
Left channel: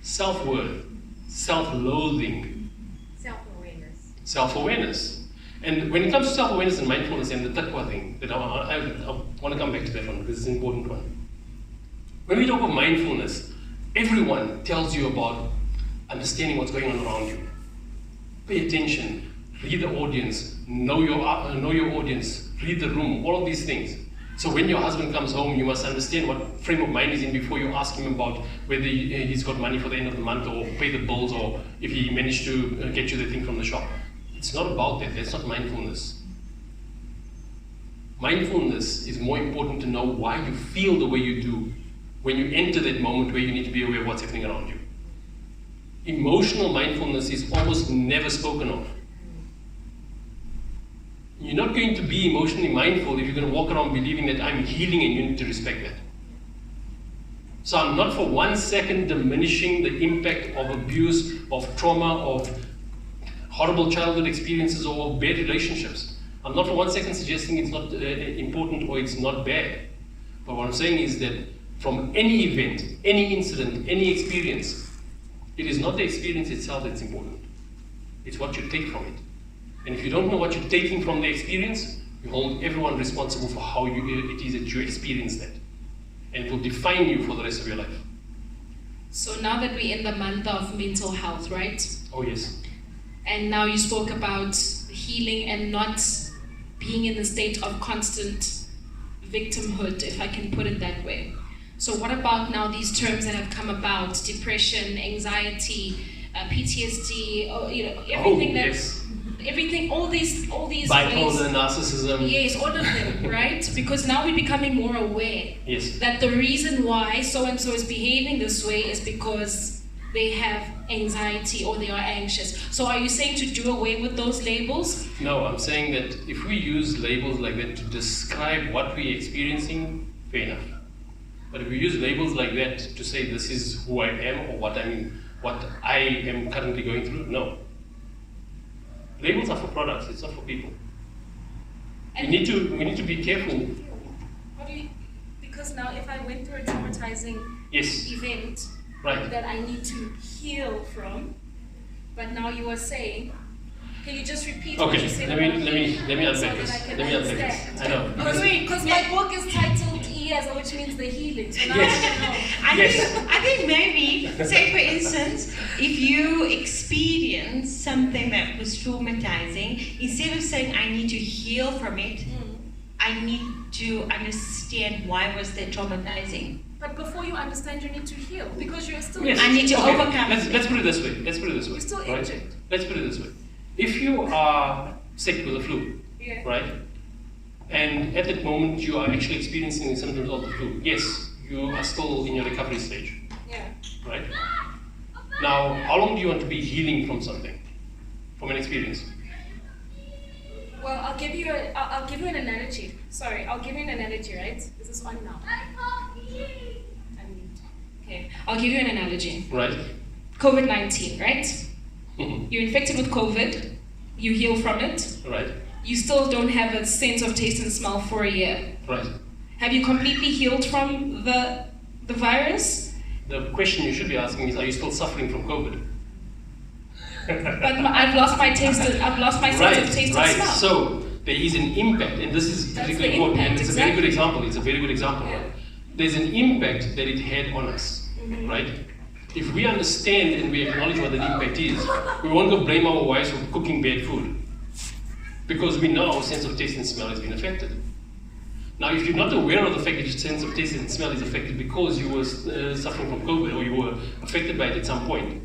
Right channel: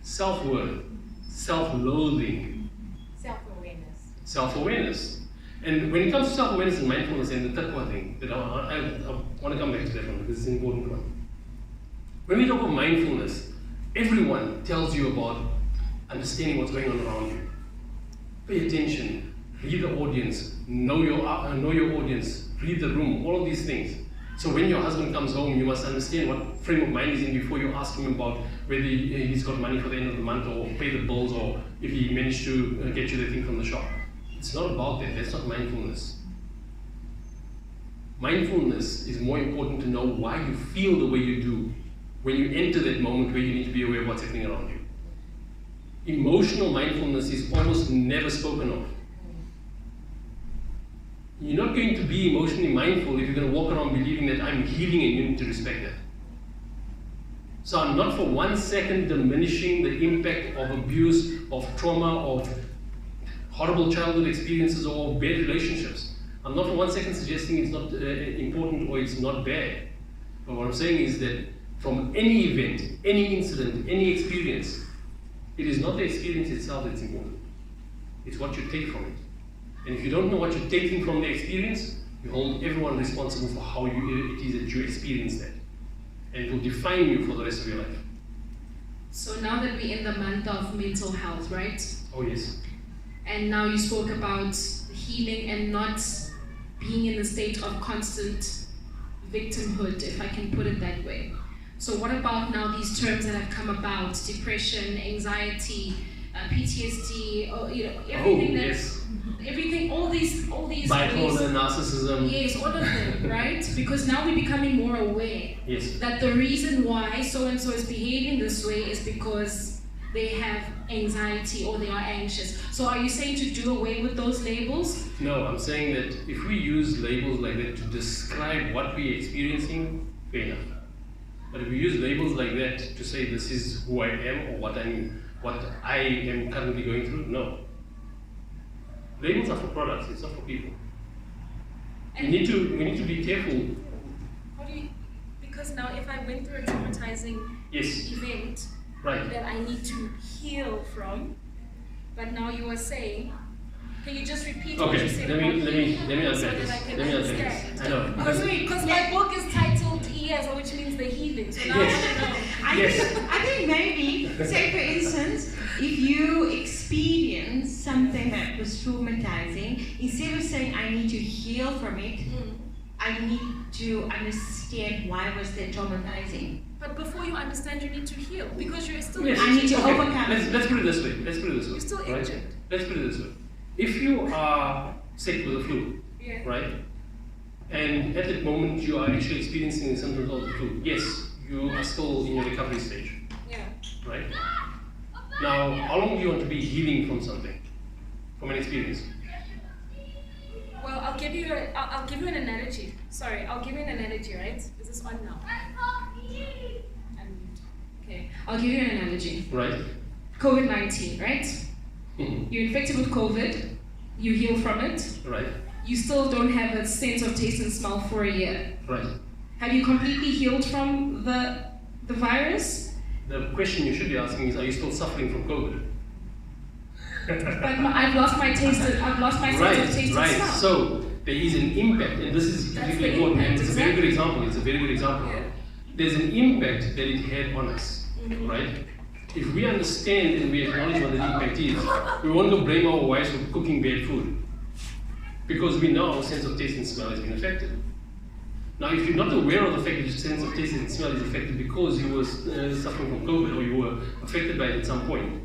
self-worth, self-loathing. Self-awareness. Self-awareness. And when it comes to self-awareness and mindfulness and the taqwa thing, that I want to come back to that one because it's an important one. When we talk of mindfulness, everyone tells you about understanding what's going on around you. Pay attention, read the audience, know your audience, read the room, all of these things. So when your husband comes home, you must understand what frame of mind he's in before you ask him about whether he's got money for the end of the month or pay the bills or if he managed to get you the thing from the shop. It's not about that. That's not mindfulness. Mindfulness is more important to know why you feel the way you do when you enter that moment where you need to be aware of what's happening around you. Emotional mindfulness is almost never spoken of. You're not going to be emotionally mindful if you're going to walk around believing that I'm healing and you need to respect that. So I'm not for 1 second diminishing the impact of abuse, of trauma, of horrible childhood experiences or bad relationships. I'm not for 1 second suggesting it's not important or it's not bad. But what I'm saying is that from any event, any incident, any experience, it is not the experience itself that's important. It's what you take from it. And if you don't know what you're taking from the experience, You hold everyone responsible for how it is that you experience that. And it will define you for the rest of your life. So now that we're in the month of mental health, right? Oh yes. And now you spoke about healing and not being in the state of constant victimhood, if I can put it that way. So what about now these terms that have come about, depression, anxiety, PTSD, everything everything, all these bipolar, narcissism. Yes, all of them, right? Because now we're becoming more aware that the reason why so-and-so is behaving this way is because they have anxiety or they are anxious. So are you saying to do away with those labels? No, I'm saying that if we use labels like that to describe what we're experiencing, fair enough. But if we use labels like that to say this is who I am or what I am currently going through, no. Labels are for products, it's not for people. We need to be careful. How do you, because now if I went through a traumatizing event that I need to heal from, but now you are saying, can you just repeat what you said let me unpack so this. that I can Let me unpack understand? this. I know. Because my book is titled ES, which means the healing. So now I want to know. I think maybe, say for instance, if you experience something that was traumatizing, instead of saying I need to heal from it, I need to understand why was that traumatizing. But before you understand, you need to heal because you're still I need to overcome. Let's put it this way. You're still injured. Let's put it this way. If you are sick with the flu, right? And at that moment you are actually experiencing the symptoms of the flu, yes, you are still in your recovery stage. Yeah. Right? Now, how long do you want to be healing from something? From an experience? Well, I'll give you an analogy. Sorry, I'll give you an analogy, right? Is this on now? Unmute. Okay, I'll give you an analogy. Right. COVID-19, right? You're infected with COVID, you heal from it. Right. You still don't have a sense of taste and smell for a year. Right. Have you completely healed from the virus? The question you should be asking is, are you still suffering from COVID? But I've lost my taste. I've lost my sense of taste and smell. So there is an impact, and this is particularly important. And it's a very good example. It's a very good example. Yeah. There's an impact that it had on us, right? If we understand and we acknowledge what the impact is, we won't go blame our wives for cooking bad food, because we know our sense of taste and smell has been affected. Now, if you're not aware of the fact that your sense of taste and smell is affected because you were suffering from COVID or you were affected by it at some point,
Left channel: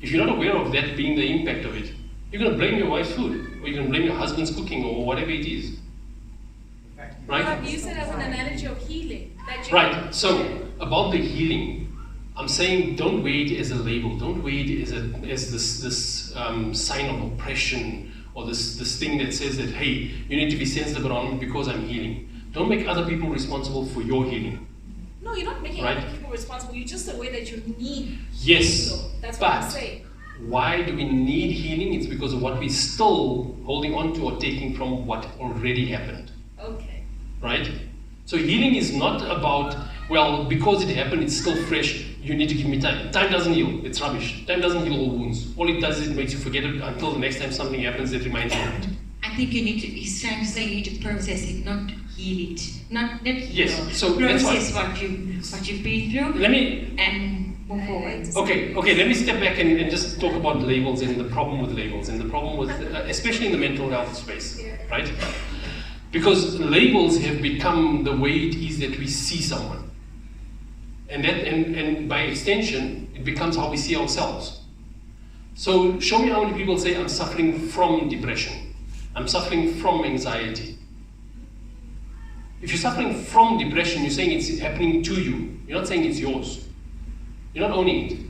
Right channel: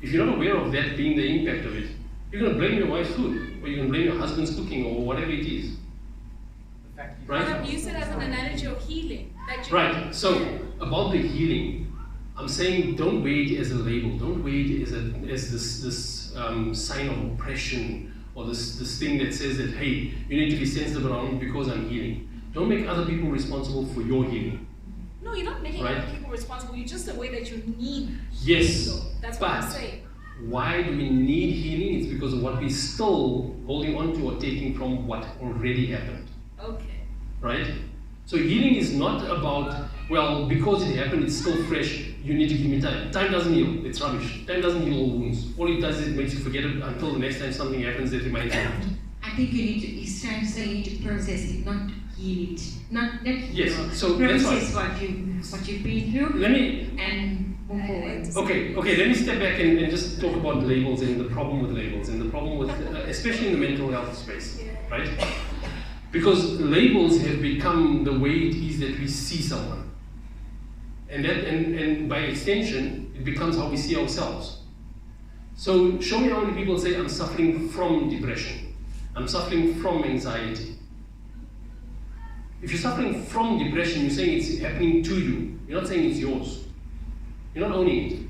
if you're not aware of that being the impact of it, you're going to blame your wife's food, or you're going to blame your husband's cooking, or whatever it is. Right? But I've used it as an analogy of healing. Right. So, about the healing, I'm saying don't weigh it as a label. Don't weigh it as this sign of oppression, or this thing that says that, hey, you need to be sensitive around me because I'm healing. Don't make other people responsible for your healing. No, you're not making other people responsible. You're just aware that you need. Yes. So that's what I'm saying. Why do we need healing? It's because of what we're still holding on to or taking from what already happened. Okay. Right? So healing is not about, well, because it happened, it's still fresh, you need to give me time. Time doesn't heal. It's rubbish. Time doesn't heal all wounds. All it does is it makes you forget it until the next time something happens that reminds you of it. I think you need to, he's trying to say you need to process it, not heal it. Not yes, so process that's what you've been through. Let me and move forward. Okay, let me step back and just talk about labels and the problem with labels and the problem with, especially in the mental health space, right? Because labels have become the way it is that we see someone. And by extension, it becomes how we see ourselves. So show me how many people say, I'm suffering from depression. I'm suffering from anxiety. If you're suffering from depression, you're saying it's happening to you. You're not saying it's yours. You're not owning it.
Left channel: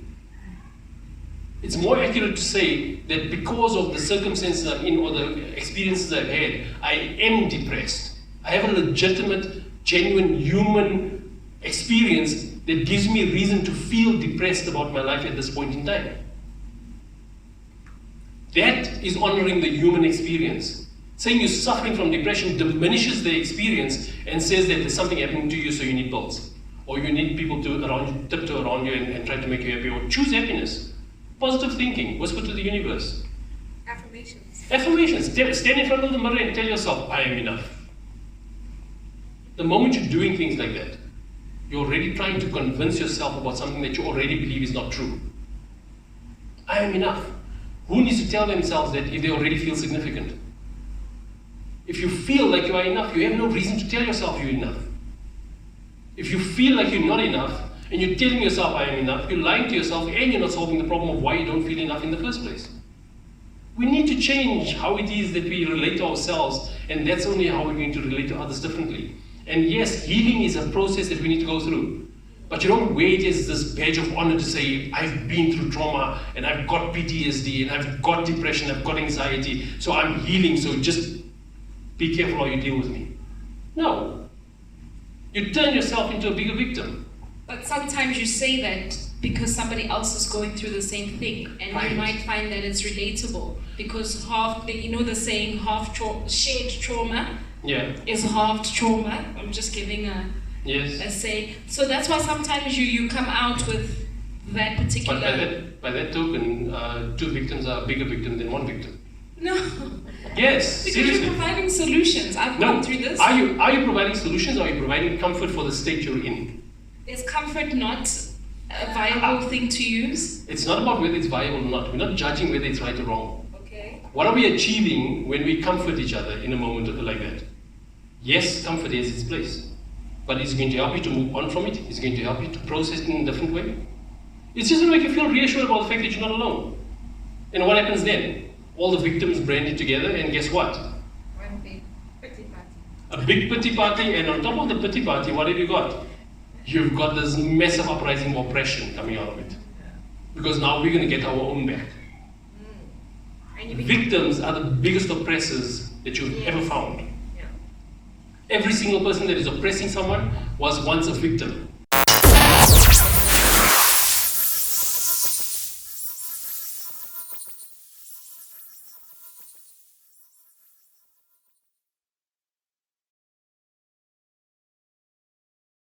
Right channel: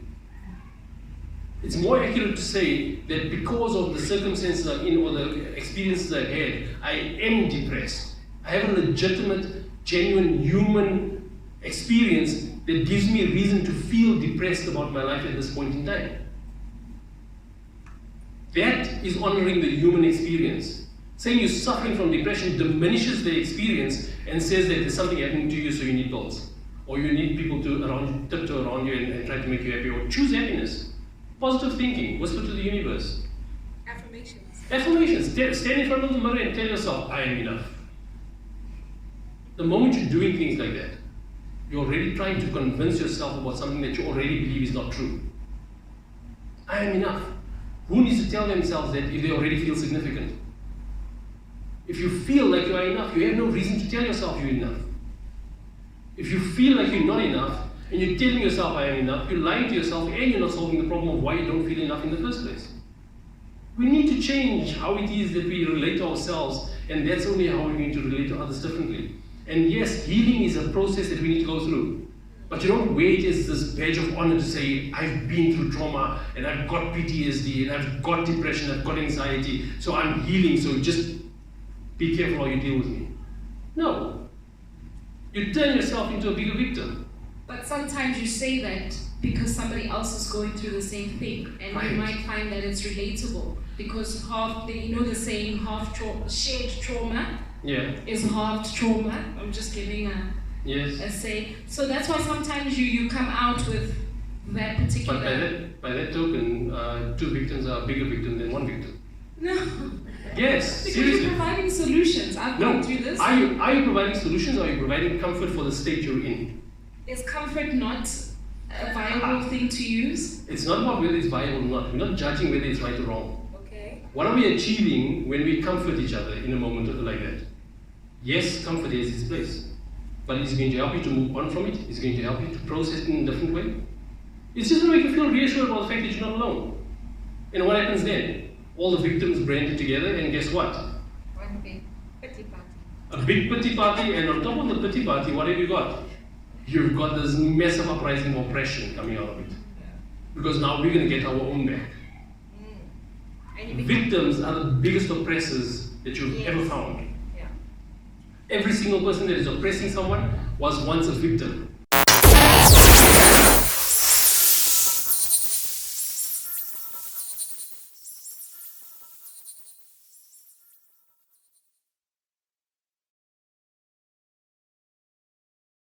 It's more accurate to say that because of the circumstances I'm in or the experiences I've had, I am depressed. I have a legitimate, genuine human experience that gives me a reason to feel depressed about my life at this point in time. That is honoring the human experience. Saying you're suffering from depression diminishes the experience and says that there's something happening to you, so you need pills. Or you need people to tiptoe around you and try to make you happy. Or choose happiness. Positive thinking. Whisper to the universe. Affirmations. Affirmations. Stand in front of the mirror and tell yourself, I am enough. The moment you're doing things like that, you're already trying to convince yourself about something that you already believe is not true. I am enough. Who needs to tell themselves that if they already feel significant? If you feel like you are enough, you have no reason to tell yourself you're enough. If you feel like you're not enough, and you're telling yourself I am enough, you're lying to yourself and you're not solving the problem of why you don't feel enough in the first place. We need to change how it is that we relate to ourselves, and that's only how we're going to relate to others differently. And yes, healing is a process that we need to go through. But you don't wait as this badge of honor to say, I've been through trauma, and I've got PTSD, and I've got depression, I've got anxiety, so I'm healing, so just be careful how you deal with me. No. You turn yourself into a bigger victim. But sometimes you say that because somebody else is going through the same thing, and right. You might find that it's relatable, because the saying shared trauma is halved trauma. I'm just giving a say. So that's why sometimes you come out with that particular. But by that token, 2 victims are a bigger victim than 1 victim. No. Yes, because seriously. you're providing solutions. I've gone through this. Are you providing solutions, or are you providing comfort for the state you're in? Is comfort not a viable thing to use? It's not about whether it's viable or not. We're not judging whether it's right or wrong. Okay. What are we achieving when we comfort each other in a moment like that? Yes, comfort has its place. But it's going to help you to move on from it. It's going to help you to process it in a different way. It's just going to make you feel reassured about the fact that you're not alone. And what happens then? All the victims branded together, and guess what? One big pity party. A big pity party, and on top of the pity party, what have you got? You've got this massive uprising of oppression coming out of it. Because now we're going to get our own back. Victims are the biggest oppressors that you've ever found. Yeah. Every single person that is oppressing someone was once a victim.